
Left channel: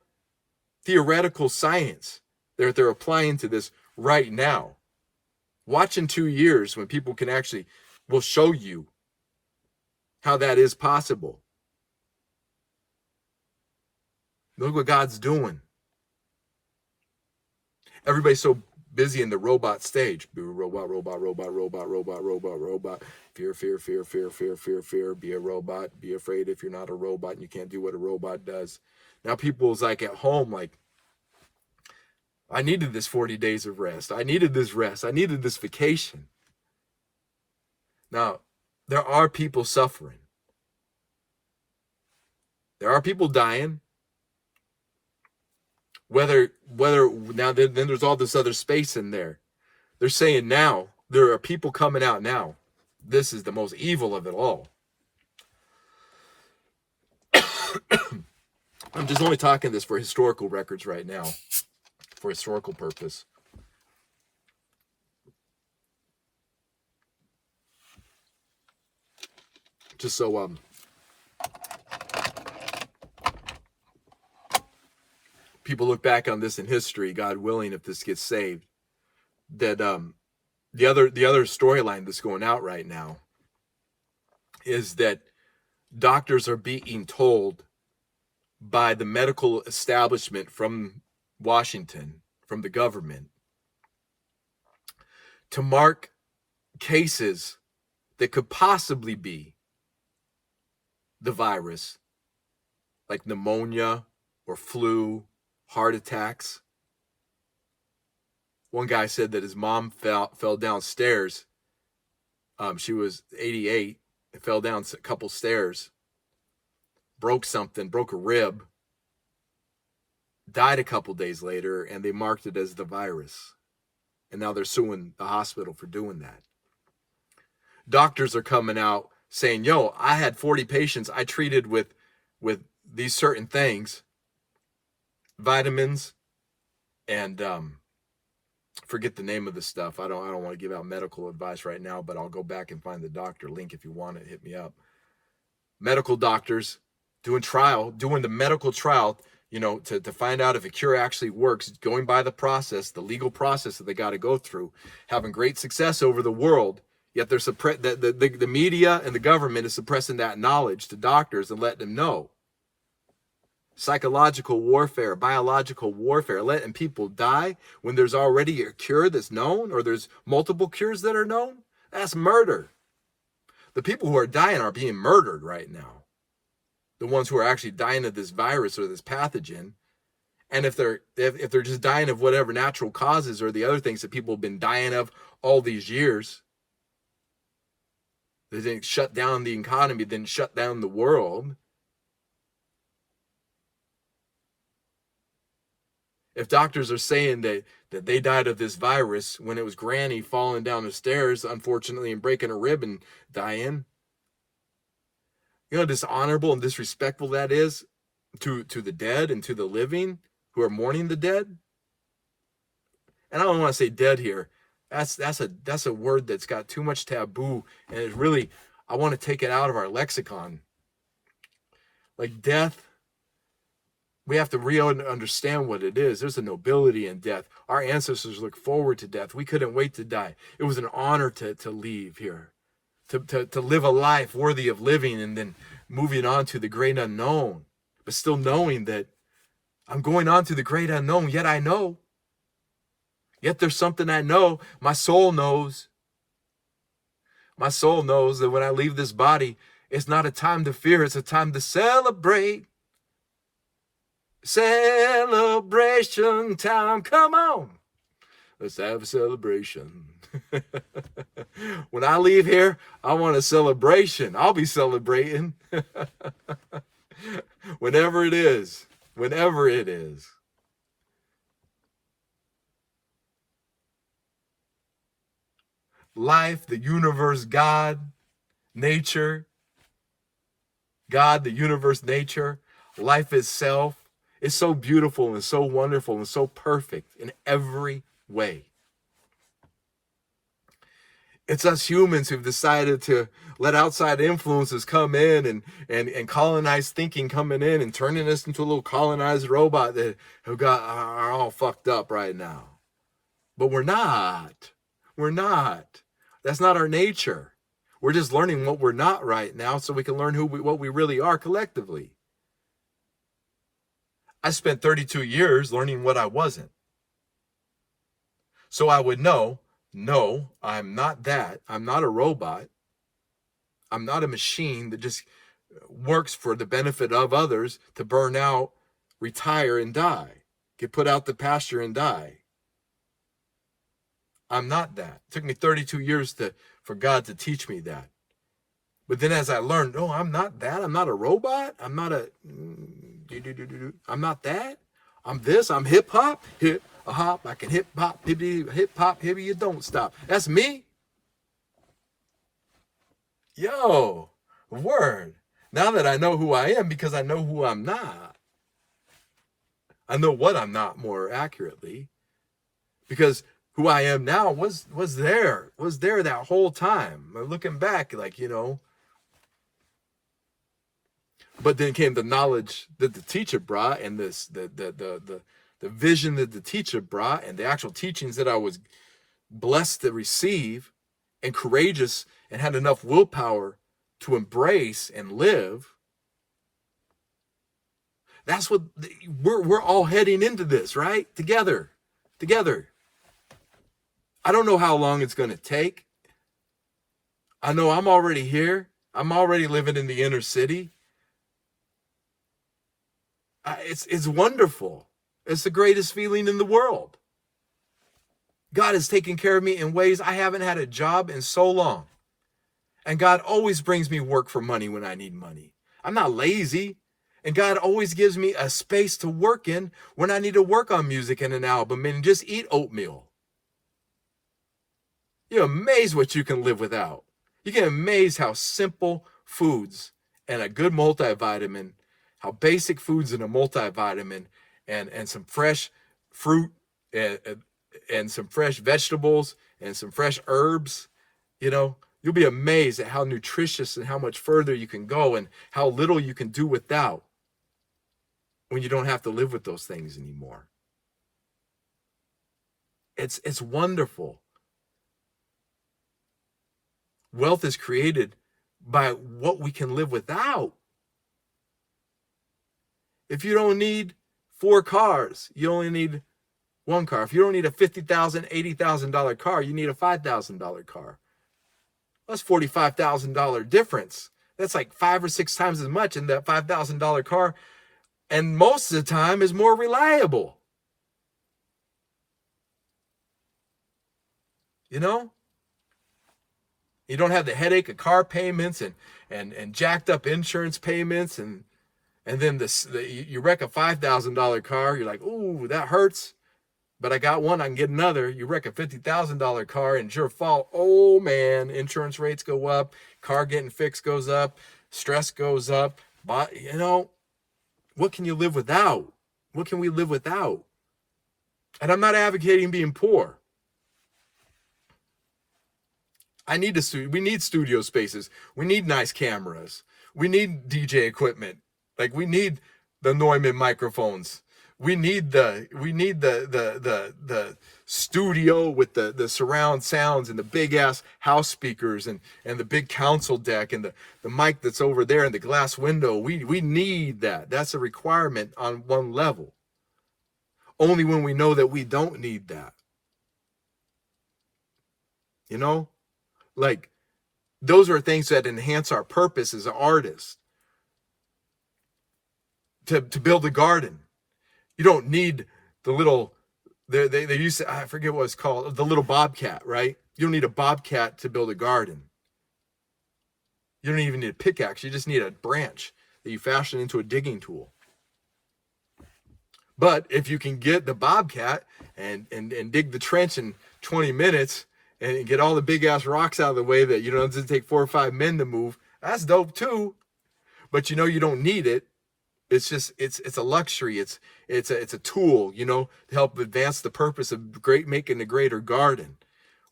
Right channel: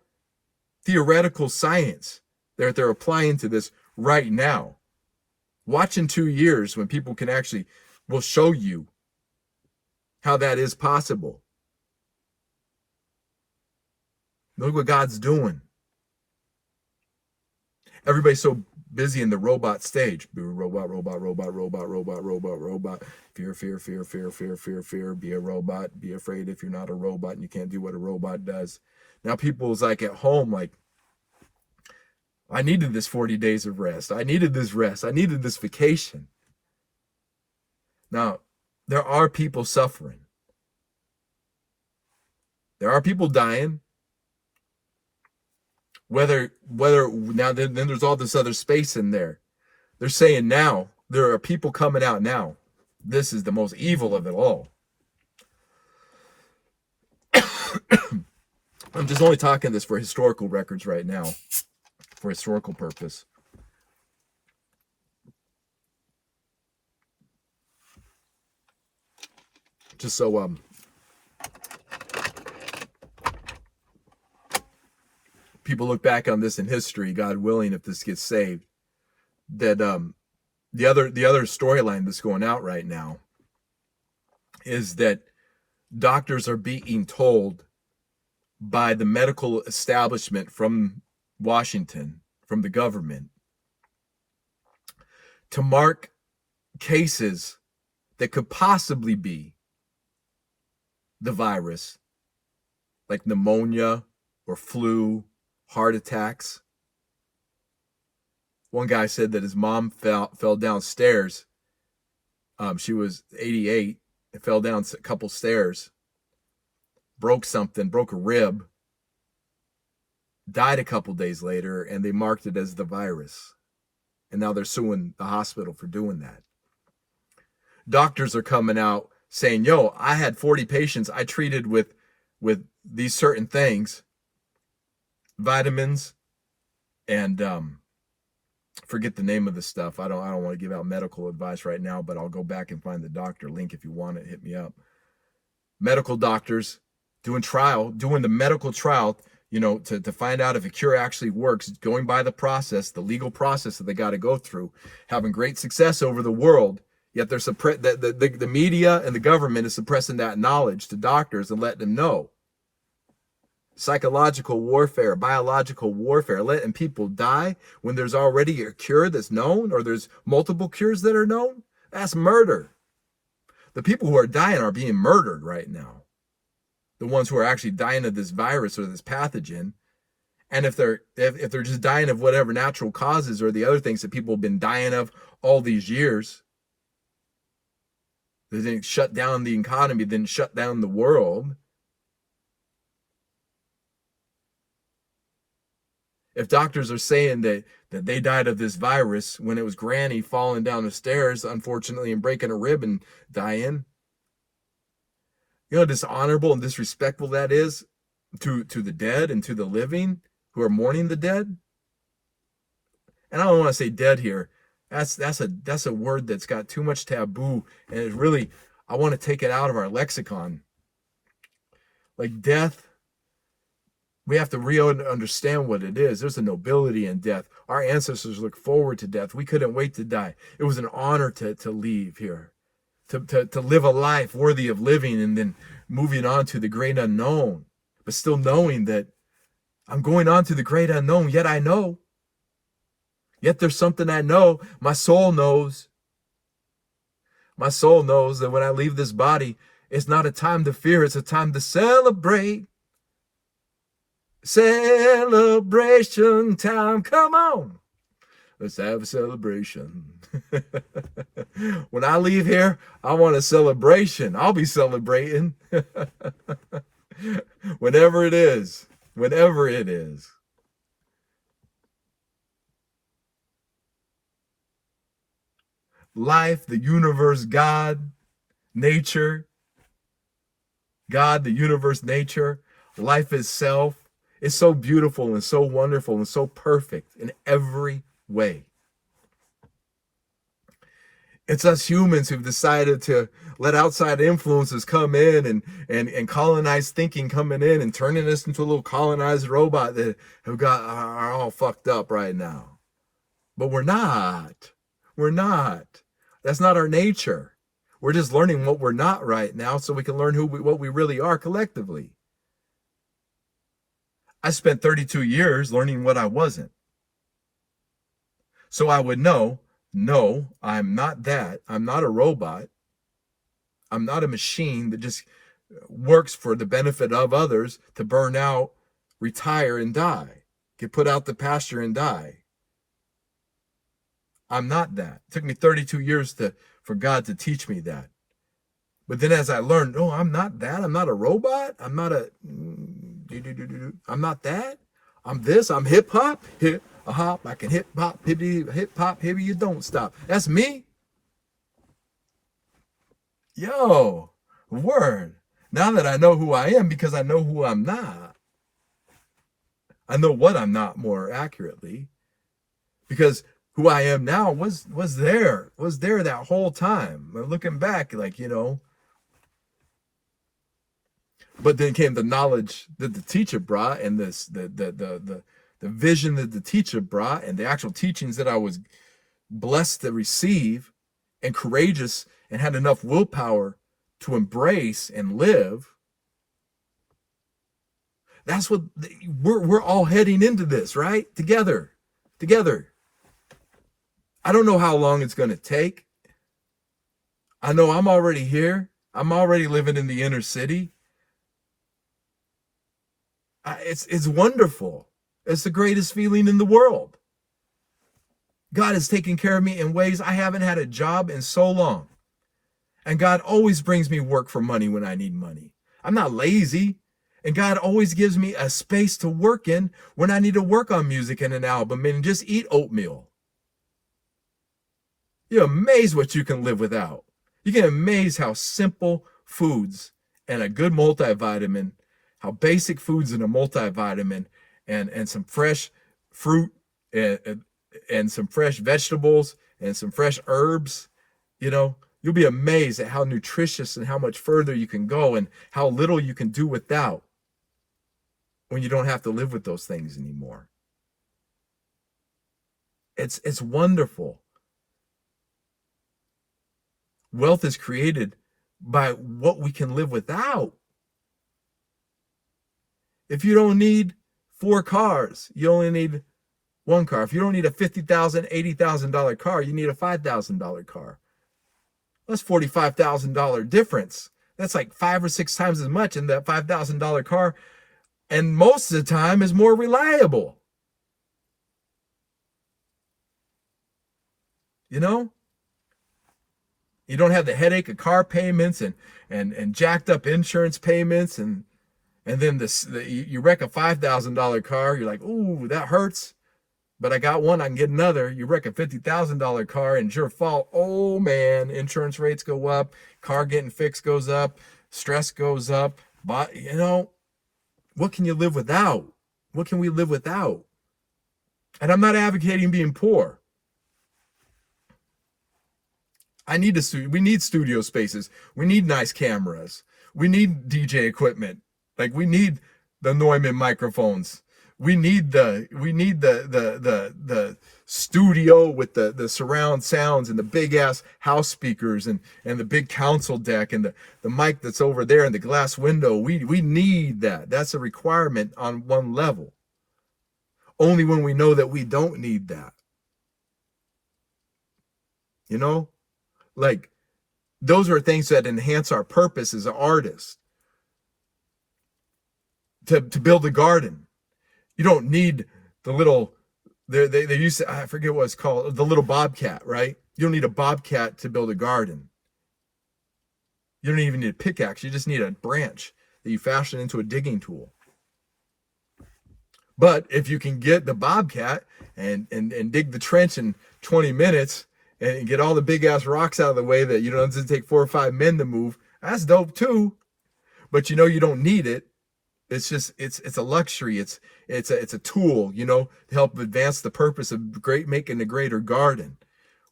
theoretical science that they're applying to this right now. Watch in 2 years when people can actually, will show you how that is possible. Look what God's doing. Everybody's so busy in the robot stage. Robot. Fear. Be a robot. Be afraid if you're not a robot and you can't do what a robot does. Now people's like at home, like, I needed this 40 days of rest. I needed this rest. I needed this vacation. Now, there are people suffering. There are people dying. Whether now then there's all this other space in there. They're saying now, there are people coming out now. This is the most evil of it all. I'm just only talking this for historical records right now, for historical purpose. Just so people look back on this in history, God willing, if this gets saved, that the other storyline that's going out right now is that doctors are being told by the medical establishment from Washington, from the government, to mark cases that could possibly be the virus, like pneumonia or flu, heart attacks. One guy said that his mom fell downstairs. She was 88 and fell down a couple stairs, broke a rib, died a couple days later, and they marked it as the virus. And now they're suing the hospital for doing that. Doctors are coming out saying, yo, I had 40 patients I treated with these certain things, vitamins, and forget the name of the stuff. I don't want to give out medical advice right now, but I'll go back and find the doctor link if you want it. Hit me up. Medical doctors doing the medical trial, to find out if a cure actually works, going by the process, the legal process that they got to go through, having great success over the world. Yet they're the media and the government is suppressing that knowledge to doctors and letting them know. Psychological warfare, biological warfare, letting people die when there's already a cure that's known, or there's multiple cures that are known. That's murder. The people who are dying are being murdered right now. The ones who are actually dying of this virus or this pathogen. And if they're just dying of whatever natural causes or the other things that people have been dying of all these years, they didn't shut down the economy, didn't shut down the world. If doctors are saying that they died of this virus when it was Granny falling down the stairs, unfortunately, and breaking a rib and dying, you know how dishonorable and disrespectful that is to the dead and to the living who are mourning the dead. And I don't want to say dead here. That's a word that's got too much taboo, and it's really, I want to take it out of our lexicon. Like death, We have to understand what it is. There's a nobility in death. Our ancestors looked forward to death. We couldn't wait to die. It was an honor to leave here, to live a life worthy of living, and then moving on to the great unknown, but still knowing that I'm going on to the great unknown, yet I know. Yet there's something I know. My soul knows. My soul knows that when I leave this body, it's not a time to fear, it's a time to celebrate. Celebration time, come on. Let's have a celebration. When I leave here, I want a celebration. I'll be celebrating. Whenever it is. Whenever it is. Life, the universe, God, nature. God, the universe, nature, life itself. It's so beautiful and so wonderful and so perfect in every way. It's us humans who've decided to let outside influences come in and colonize thinking coming in and turning us into a little colonized robot that have are all fucked up right now. But we're not. We're not. That's not our nature. We're just learning what we're not right now so we can learn what we really are collectively. I spent 32 years learning what I wasn't. So I would know, no, I'm not that. I'm not a robot. I'm not a machine that just works for the benefit of others to burn out, retire, and die. Get put out the pasture and die. I'm not that. It took me 32 years for God to teach me that. But then as I learned, no, I'm not that. I'm not a robot. I'm not that. I'm this. I'm hip hop. Hip a hop. I can hip hop, hippie, you don't stop. That's me. Yo, word. Now that I know who I am, because I know who I'm not. I know what I'm not, more accurately. Because who I am now was there that whole time. Looking back, like, you know. But then came the knowledge that the teacher brought, and the vision that the teacher brought, and the actual teachings that I was blessed to receive, and courageous, and had enough willpower to embrace and live. That's what we're all heading into this, right? Together. I don't know how long it's going to take. I know I'm already here. I'm already living in the inner city. It's wonderful. It's the greatest feeling in the world. God has taken care of me in ways I haven't had a job in so long. And God always brings me work for money when I need money. I'm not lazy. And God always gives me a space to work in when I need to work on music and an album and just eat oatmeal. You're amazed what you can live without. You get amazed how simple foods and a good multivitamin, how basic foods and a multivitamin and some fresh fruit and some fresh vegetables and some fresh herbs, you know, you'll be amazed at how nutritious and how much further you can go and how little you can do without when you don't have to live with those things anymore. It's wonderful. Wealth is created by what we can live without. If you don't need 4 cars, you only need 1 car. If you don't need a $50,000, $80,000 car, you need a $5,000 car. That's $45,000 difference. That's like 5 or 6 times as much in that $5,000 car. And most of the time is more reliable. You know? You don't have the headache of car payments and jacked up insurance payments. And then you wreck a $5,000 car. You're like, ooh, that hurts. But I got one, I can get another. You wreck a $50,000 car and it's your fault. Oh man, insurance rates go up. Car getting fixed goes up. Stress goes up. But, you know, what can you live without? What can we live without? And I'm not advocating being poor. We need studio spaces. We need nice cameras. We need DJ equipment. Like, we need the Neumann microphones. We need the studio with the surround sounds and the big ass house speakers and the big console deck and the mic that's over there and the glass window. We need that. That's a requirement on one level. Only when we know that we don't need that. You know? Like, those are things that enhance our purpose as an artist. To build a garden. You don't need the little, they used to, I forget what it's called, the little bobcat, right? You don't need a bobcat to build a garden. You don't even need a pickaxe. You just need a branch that you fashion into a digging tool. But if you can get the bobcat and dig the trench in 20 minutes and get all the big ass rocks out of the way that, you know, it doesn't take 4 or 5 men to move, that's dope too. But you know, you don't need it. It's just, it's a luxury. It's a tool, you know, to help advance the purpose of making a greater garden.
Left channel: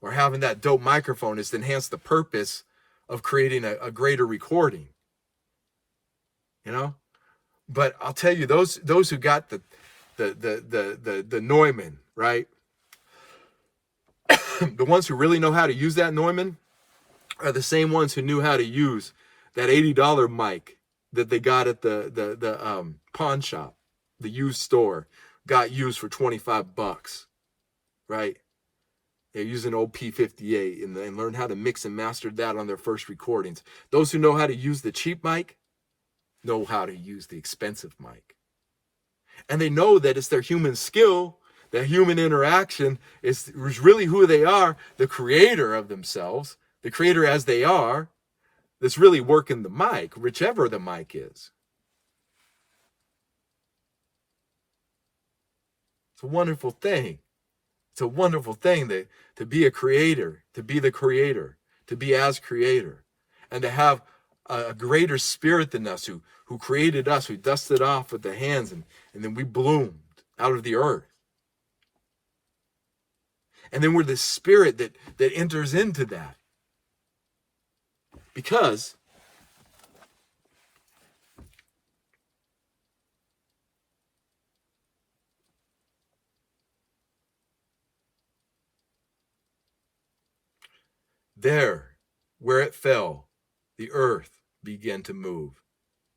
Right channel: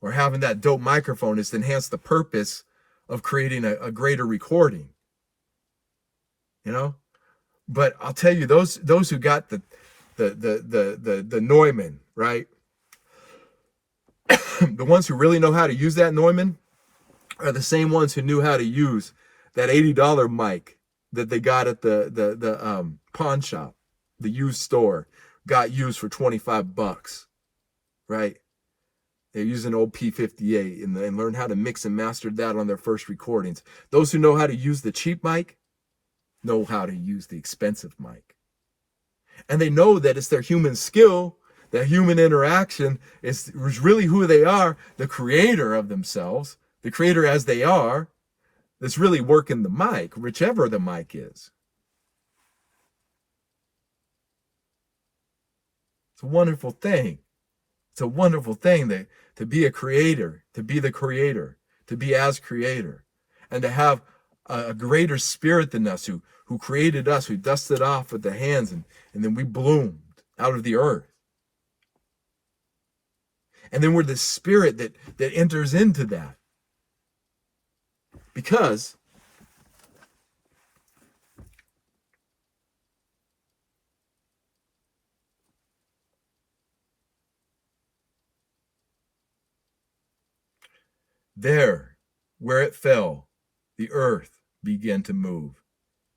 Or having that dope microphone is to enhance the purpose of creating a greater recording. You know? But I'll tell you, those who got the Neumann, right? The ones who really know how to use that Neumann are the same ones who knew how to use that $80 mic that they got at the pawn shop, the used store, got used for $25, right? They use an old P58 and learn how to mix and master that on their first recordings. Those who know how to use the cheap mic know how to use the expensive mic. And they know that it's their human skill, that human interaction is really who they are, the creator of themselves, the creator as they are, that's really working the mic, whichever the mic is. It's a wonderful thing. It's a wonderful thing to be a creator, to be the creator, to be as creator, and to have a greater spirit than us who created us, who dusted off with the hands, and then we bloomed out of the earth. And then we're the spirit that enters into that. Because there, where it fell, the earth began to move.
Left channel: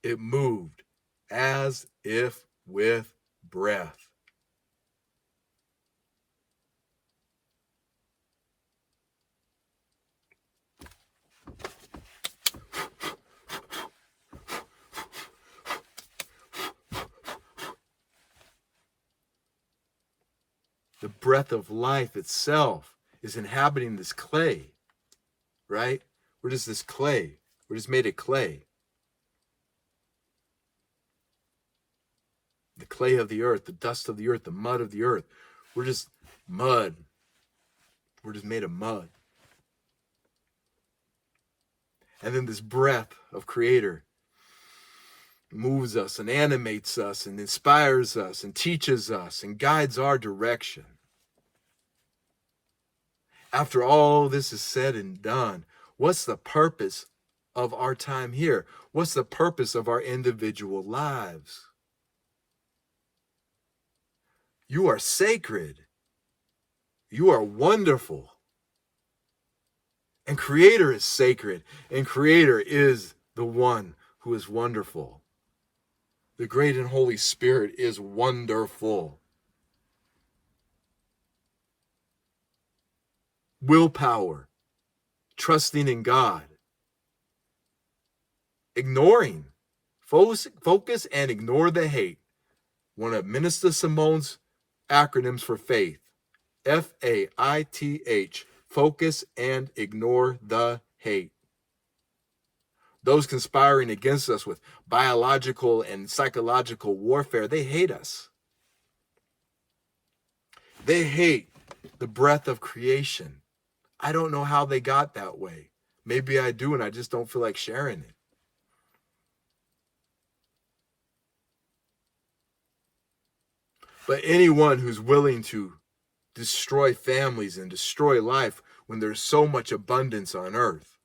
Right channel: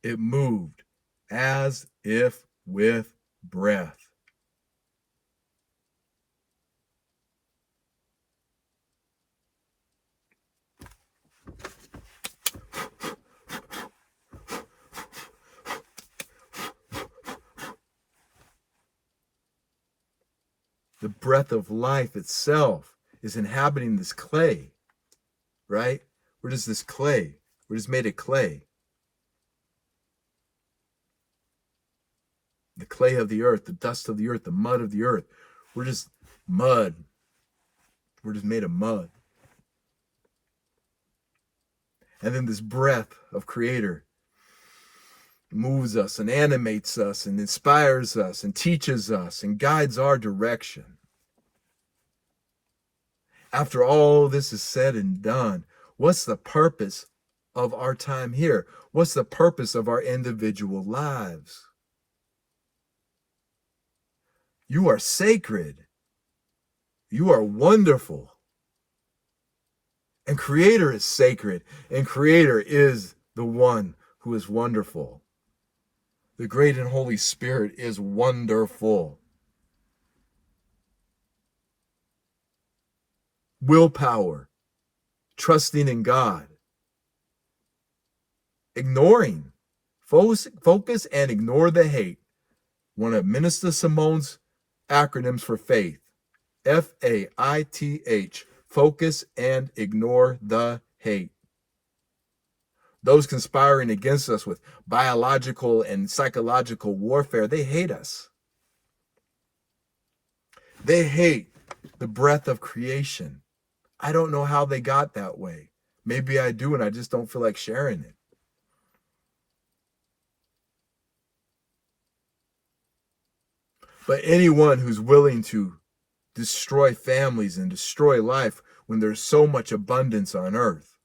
It moved as if with breath. The breath of life itself is inhabiting this clay, right? We're just this clay. We're just made of clay. The clay of the earth, the dust of the earth, the mud of the earth. We're just mud. We're just made of mud. And then this breath of Creator moves us and animates us and inspires us and teaches us and guides our direction. After all this is said and done, what's the purpose of our time here? What's the purpose of our individual lives? You are sacred. You are wonderful. And Creator is sacred. And Creator is the one who is wonderful. The great and Holy Spirit is wonderful. Willpower, trusting in God, ignoring, focus and ignore the hate. One of Minister Simone's acronyms for faith, FAITH, focus and ignore the hate. Those conspiring against us with biological and psychological warfare, they hate us. They hate the breath of creation. I don't know how they got that way. Maybe I do, and I just don't feel like sharing it. But anyone who's willing to destroy families and destroy life when there's so much abundance on earth,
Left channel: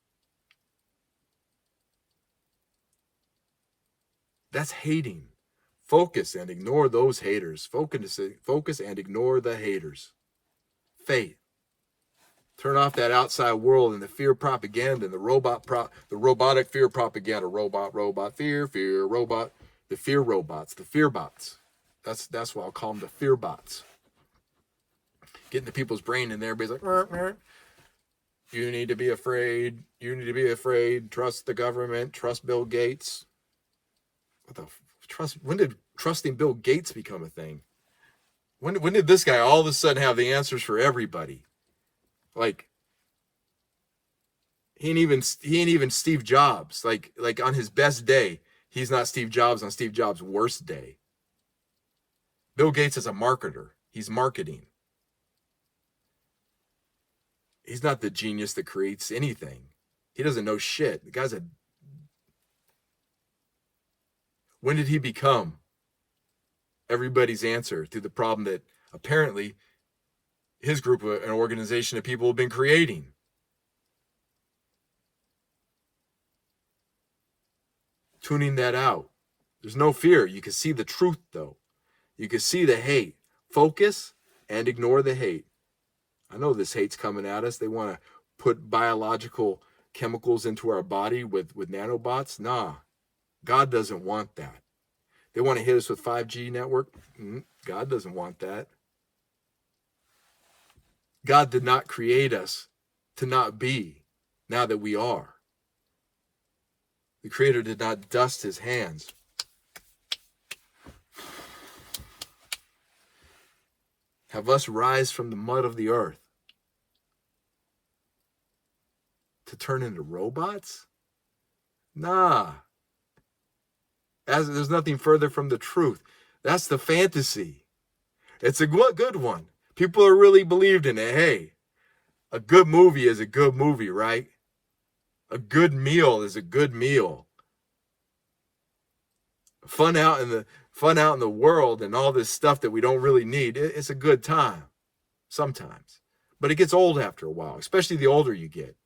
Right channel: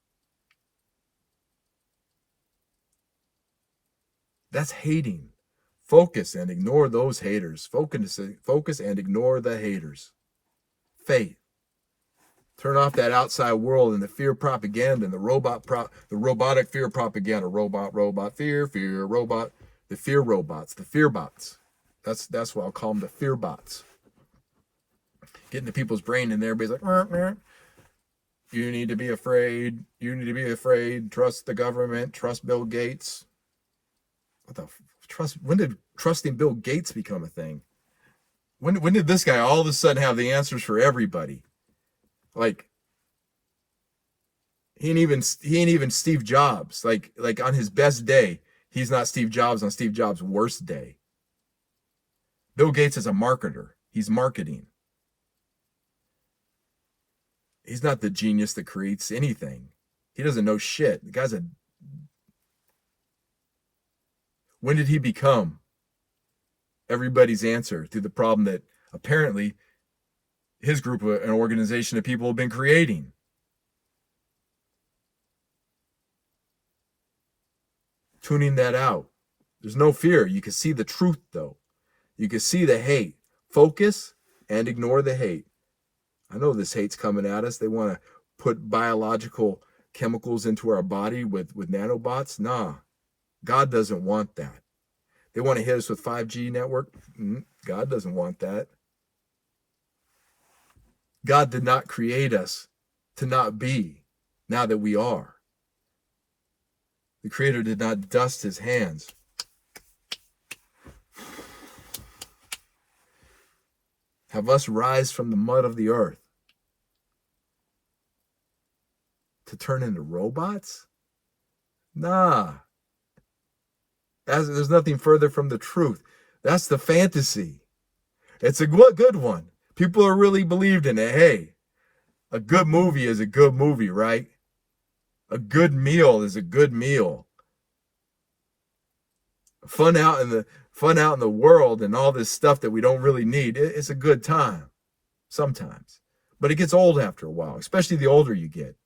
that's hating. Focus and ignore those haters. Focus and ignore the haters. Faith. Turn off that outside world and the fear propaganda and the robotic fear propaganda. Robot, fear, robot. The fear robots, the fear bots. That's what I'll call them, the fear bots. Getting the people's brain in there. Everybody's like, you need to be afraid. You need to be afraid. Trust the government. Trust Bill Gates. When did trusting Bill Gates become a thing? When did this guy all of a sudden have the answers for everybody? Like, he ain't even Steve Jobs. Like on his best day, he's not Steve Jobs on Steve Jobs' worst day. Bill Gates is a marketer. He's marketing. He's not the genius that creates anything. He doesn't know shit. The guy's When did he become everybody's answer to the problem that apparently his group, an organization of people, have been creating? Tuning that out. There's no fear. You can see the truth, though. You can see the hate. Focus and ignore the hate. I know this hate's coming at us. They want to put biological chemicals into our body with nanobots. Nah, God doesn't want that. They want to hit us with 5G network. God doesn't want that. God did not create us to not be, now that we are. The Creator did not dust his hands. Have us rise from the mud of the earth to turn into robots? Nah. There's nothing further from the truth. That's the fantasy. It's a good one. People are really believed in it. Hey, a good movie is a good movie, right? A good meal is a good meal. Fun out in the world and all this stuff that we don't really need. It's a good time sometimes, but it gets old after a while, especially the older you get,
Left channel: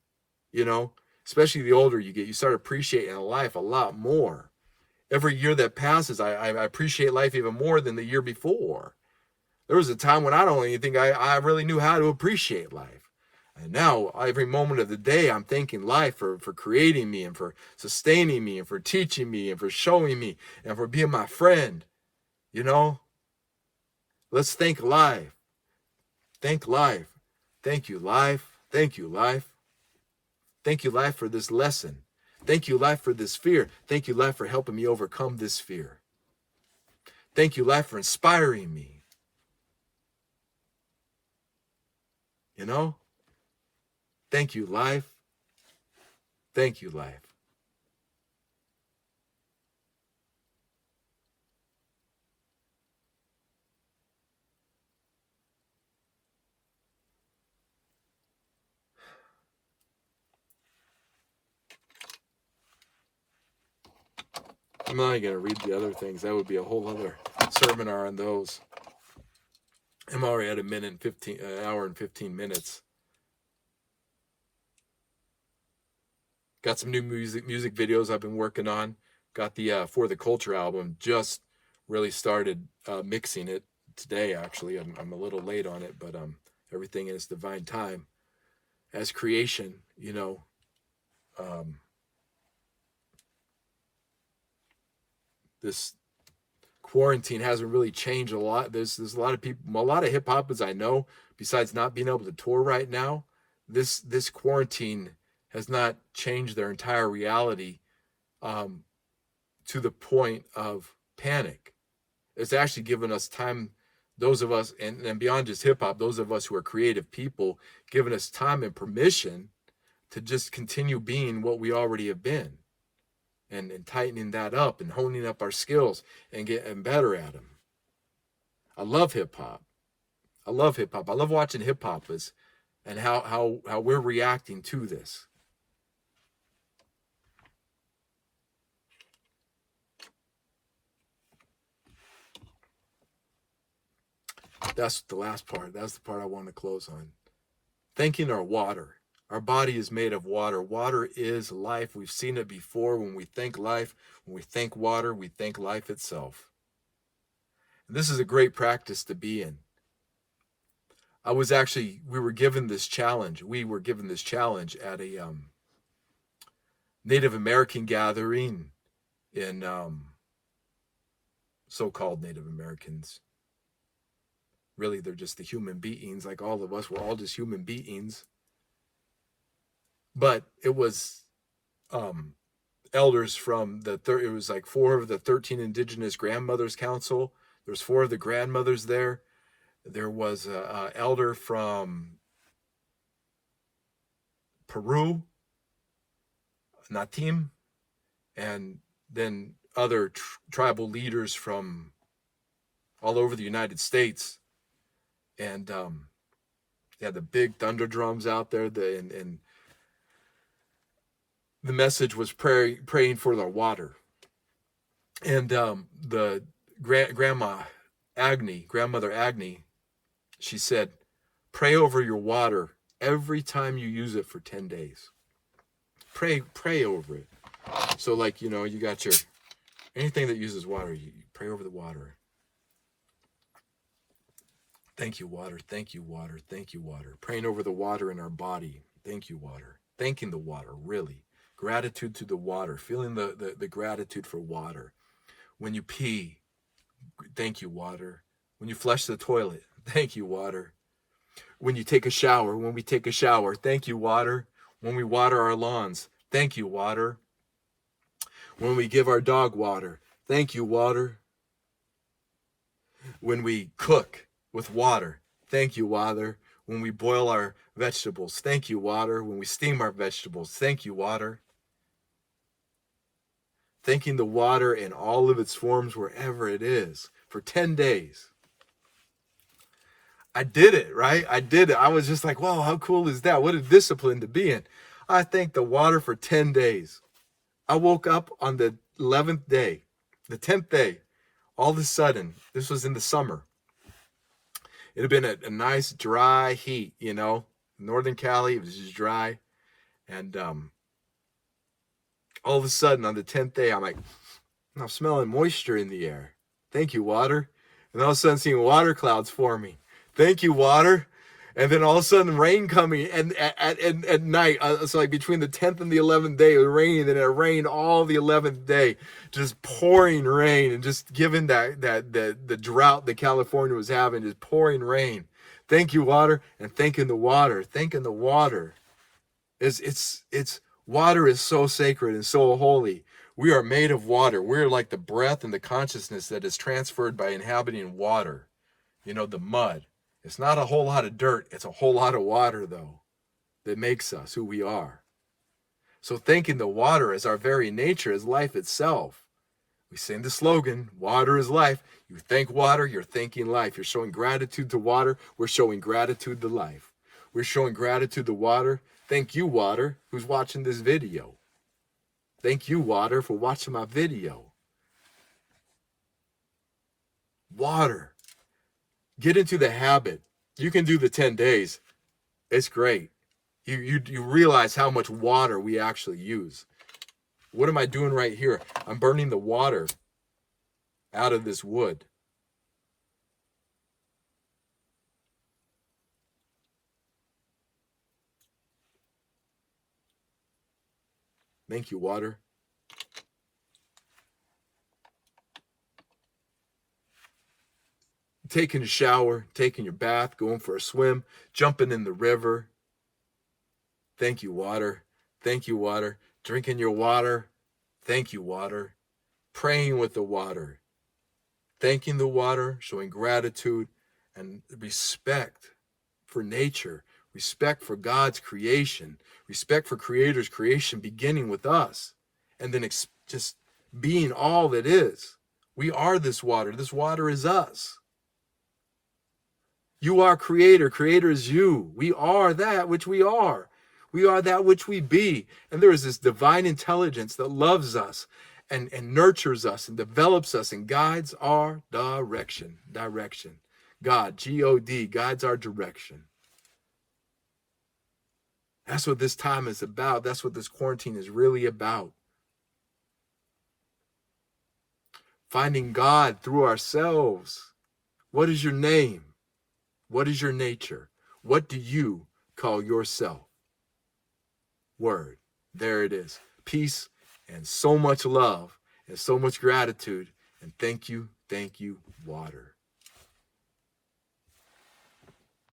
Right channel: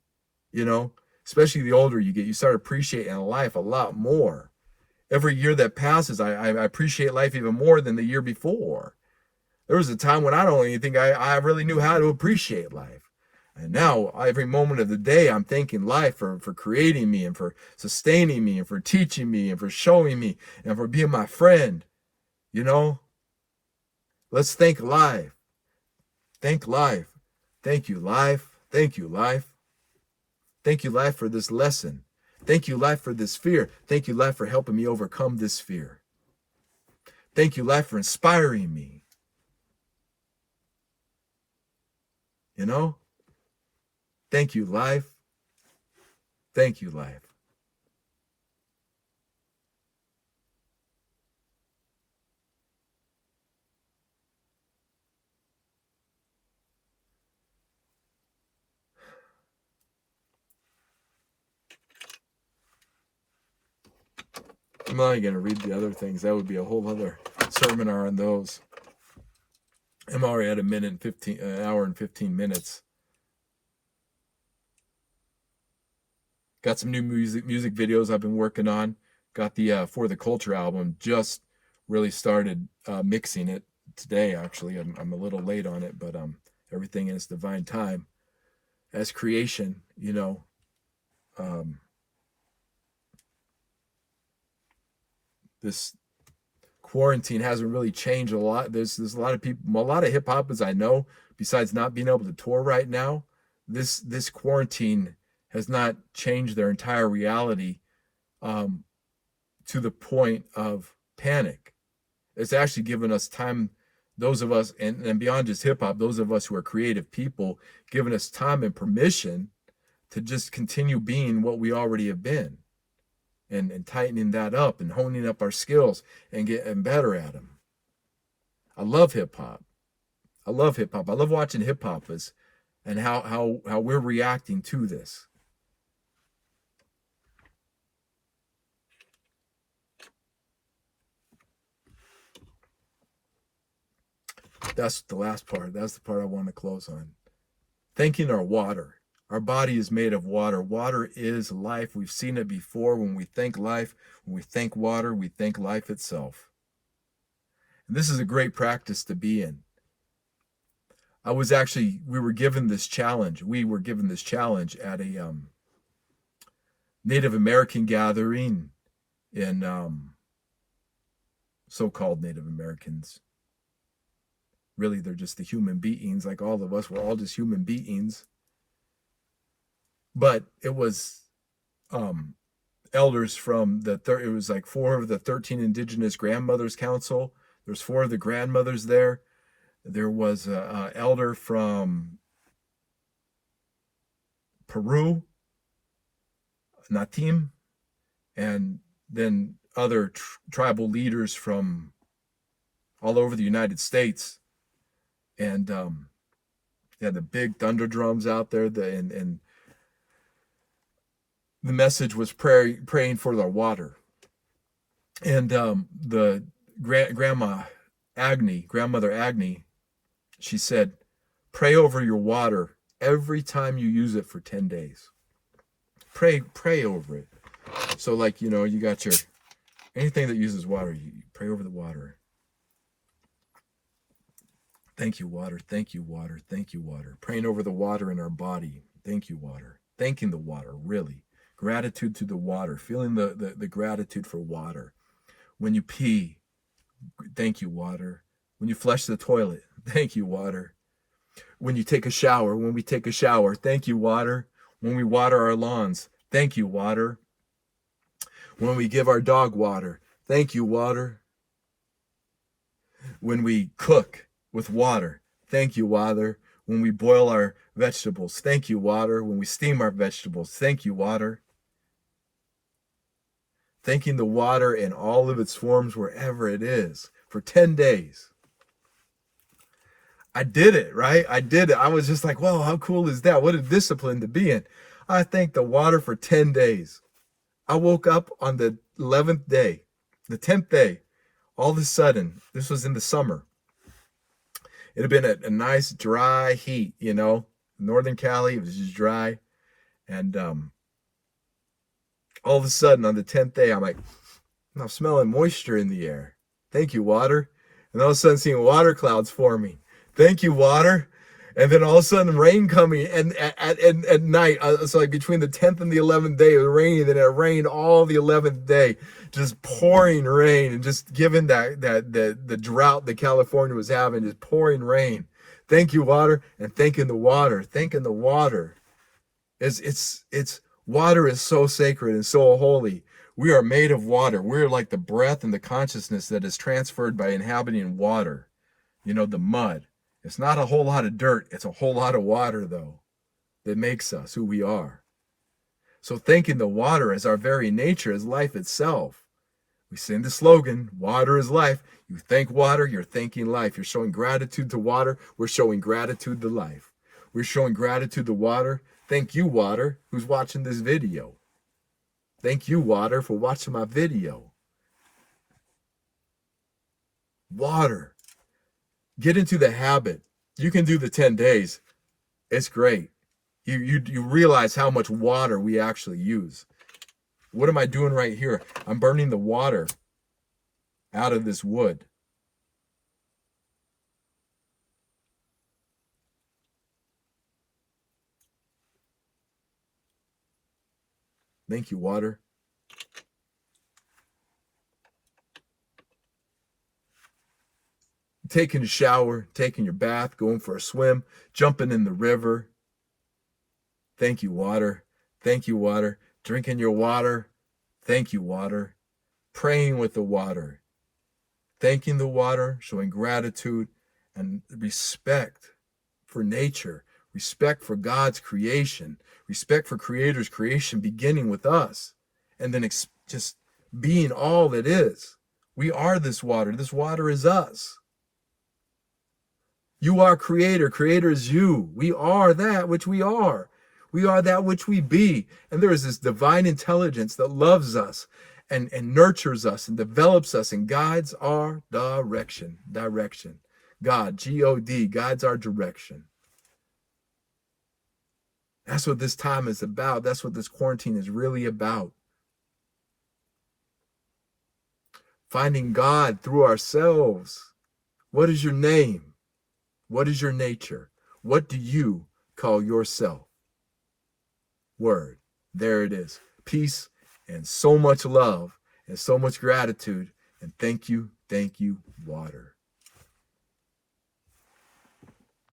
especially the older you get, you start appreciating life a lot more. Every year that passes, I appreciate life even more than the year before. There was a time when I don't even think I really knew how to appreciate life. And now, every moment of the day, I'm thanking life for creating me and for sustaining me and for teaching me and for showing me and for being my friend. Let's thank life. Thank life. Thank you, life. Thank you, life. Thank you, life, for this lesson. Thank you, life, for this fear. Thank you, life, for helping me overcome this fear. Thank you, life, for inspiring me. Thank you, life. Thank you, life. I'm not going to read the other things. That would be a whole other seminar on those. I'm already at an hour and 15 minutes. Got some new music videos I've been working on. Got the For the Culture album. Just really started mixing it today, actually. I'm a little late on it, but everything in its divine time. As creation, this quarantine hasn't really changed a lot. There's a lot of people, a lot of hip hop, as I know, besides not being able to tour right now, this quarantine has not changed their entire reality to the point of panic. It's actually given us time, those of us, and beyond just hip hop, those of us who are creative people, given us time and permission to just continue being what we already have been. And tightening that up and honing up our skills and getting better at them. I love hip hop. I love watching hip hoppers and how we're reacting to this. That's the last part. That's the part I want to close on. Thanking our water. Our body is made of water. Water is life. We've seen it before. When we thank life, when we thank water, we thank life itself. And this is a great practice to be in. We were given this challenge. We were given this challenge at a Native American gathering in so-called Native Americans. Really, they're just the human beings, like all of us. We're all just human beings. But it was elders from it was like 4 of the 13 Indigenous Grandmothers Council. There's 4 of the grandmothers there. There was an elder from Peru, Natim, and then other tribal leaders from all over the United States. And yeah, the big thunder drums out there, and the message was praying for the water. And the grandmother Agni, she said, pray over your water every time you use it for 10 days. Pray over it. So like, you got anything that uses water, you pray over the water. Thank you, water. Thank you, water. Thank you, water. Praying over the water in our body. Thank you, water. Thanking the water, really. Gratitude to the water. Feeling the gratitude for water. When you pee, thank you, water. When you flush the toilet, thank you, water. When you take a shower, when we take a shower, thank you, water. When we water our lawns, thank you, water. When we give our dog water, thank you, water. When we cook with water, thank you, water. When we boil our vegetables, thank you, water. When we steam our vegetables, thank you, water. Thanking the water in all of its forms, wherever it is, for 10 days. I did it, right? I did it. I was just like, wow, how cool is that? What a discipline to be in. I thanked the water for 10 days. I woke up on the 11th day, the 10th day. All of a sudden, this was in the summer. It had been a nice dry heat, Northern Cali, it was just dry. And all of a sudden on the 10th day, I'm smelling moisture in the air. Thank you, water. And all of a sudden seeing water clouds forming. Thank you, water. And then all of a sudden rain coming, and at night, so like between the 10th and the 11th day, it was raining, and it rained all the 11th day, just pouring rain, and just giving the drought that California was having, just pouring rain. Thank you, water, and thanking the water. Thanking the water. It's water is so sacred and so holy. We are made of water. We're like the breath and the consciousness that is transferred by inhabiting water. The mud. It's not a whole lot of dirt. It's a whole lot of water, though, that makes us who we are. So thanking the water as our very nature, as life itself. We sing the slogan, water is life. You thank water, you're thanking life. You're showing gratitude to water. We're showing gratitude to life. We're showing gratitude to water. Thank you, water, who's watching this video. Thank you, water, for watching my video. Water. Get into the habit. You can do the 10 days. It's great. You realize how much water we actually use. What am I doing right here? I'm burning the water out of this wood. Thank you, water. Taking a shower, taking your bath, going for a swim, jumping in the river. Thank you, water. Thank you, water. Drinking your water. Thank you, water. Praying with the water. Thanking the water, showing gratitude and respect for nature, respect for God's creation, respect for Creator's creation beginning with us, and then just being all that is. We are this water. This water is us. You are Creator. Creator is you. We are that which we are. We are that which we be. And there is this divine intelligence that loves us and nurtures us and develops us and guides our direction. God, G-O-D, guides our direction. That's what this time is about. That's what this quarantine is really about. Finding God through ourselves. What is your name? What is your nature? What do you call yourself? Word. There it is. Peace and so much love and so much gratitude. And thank you, water.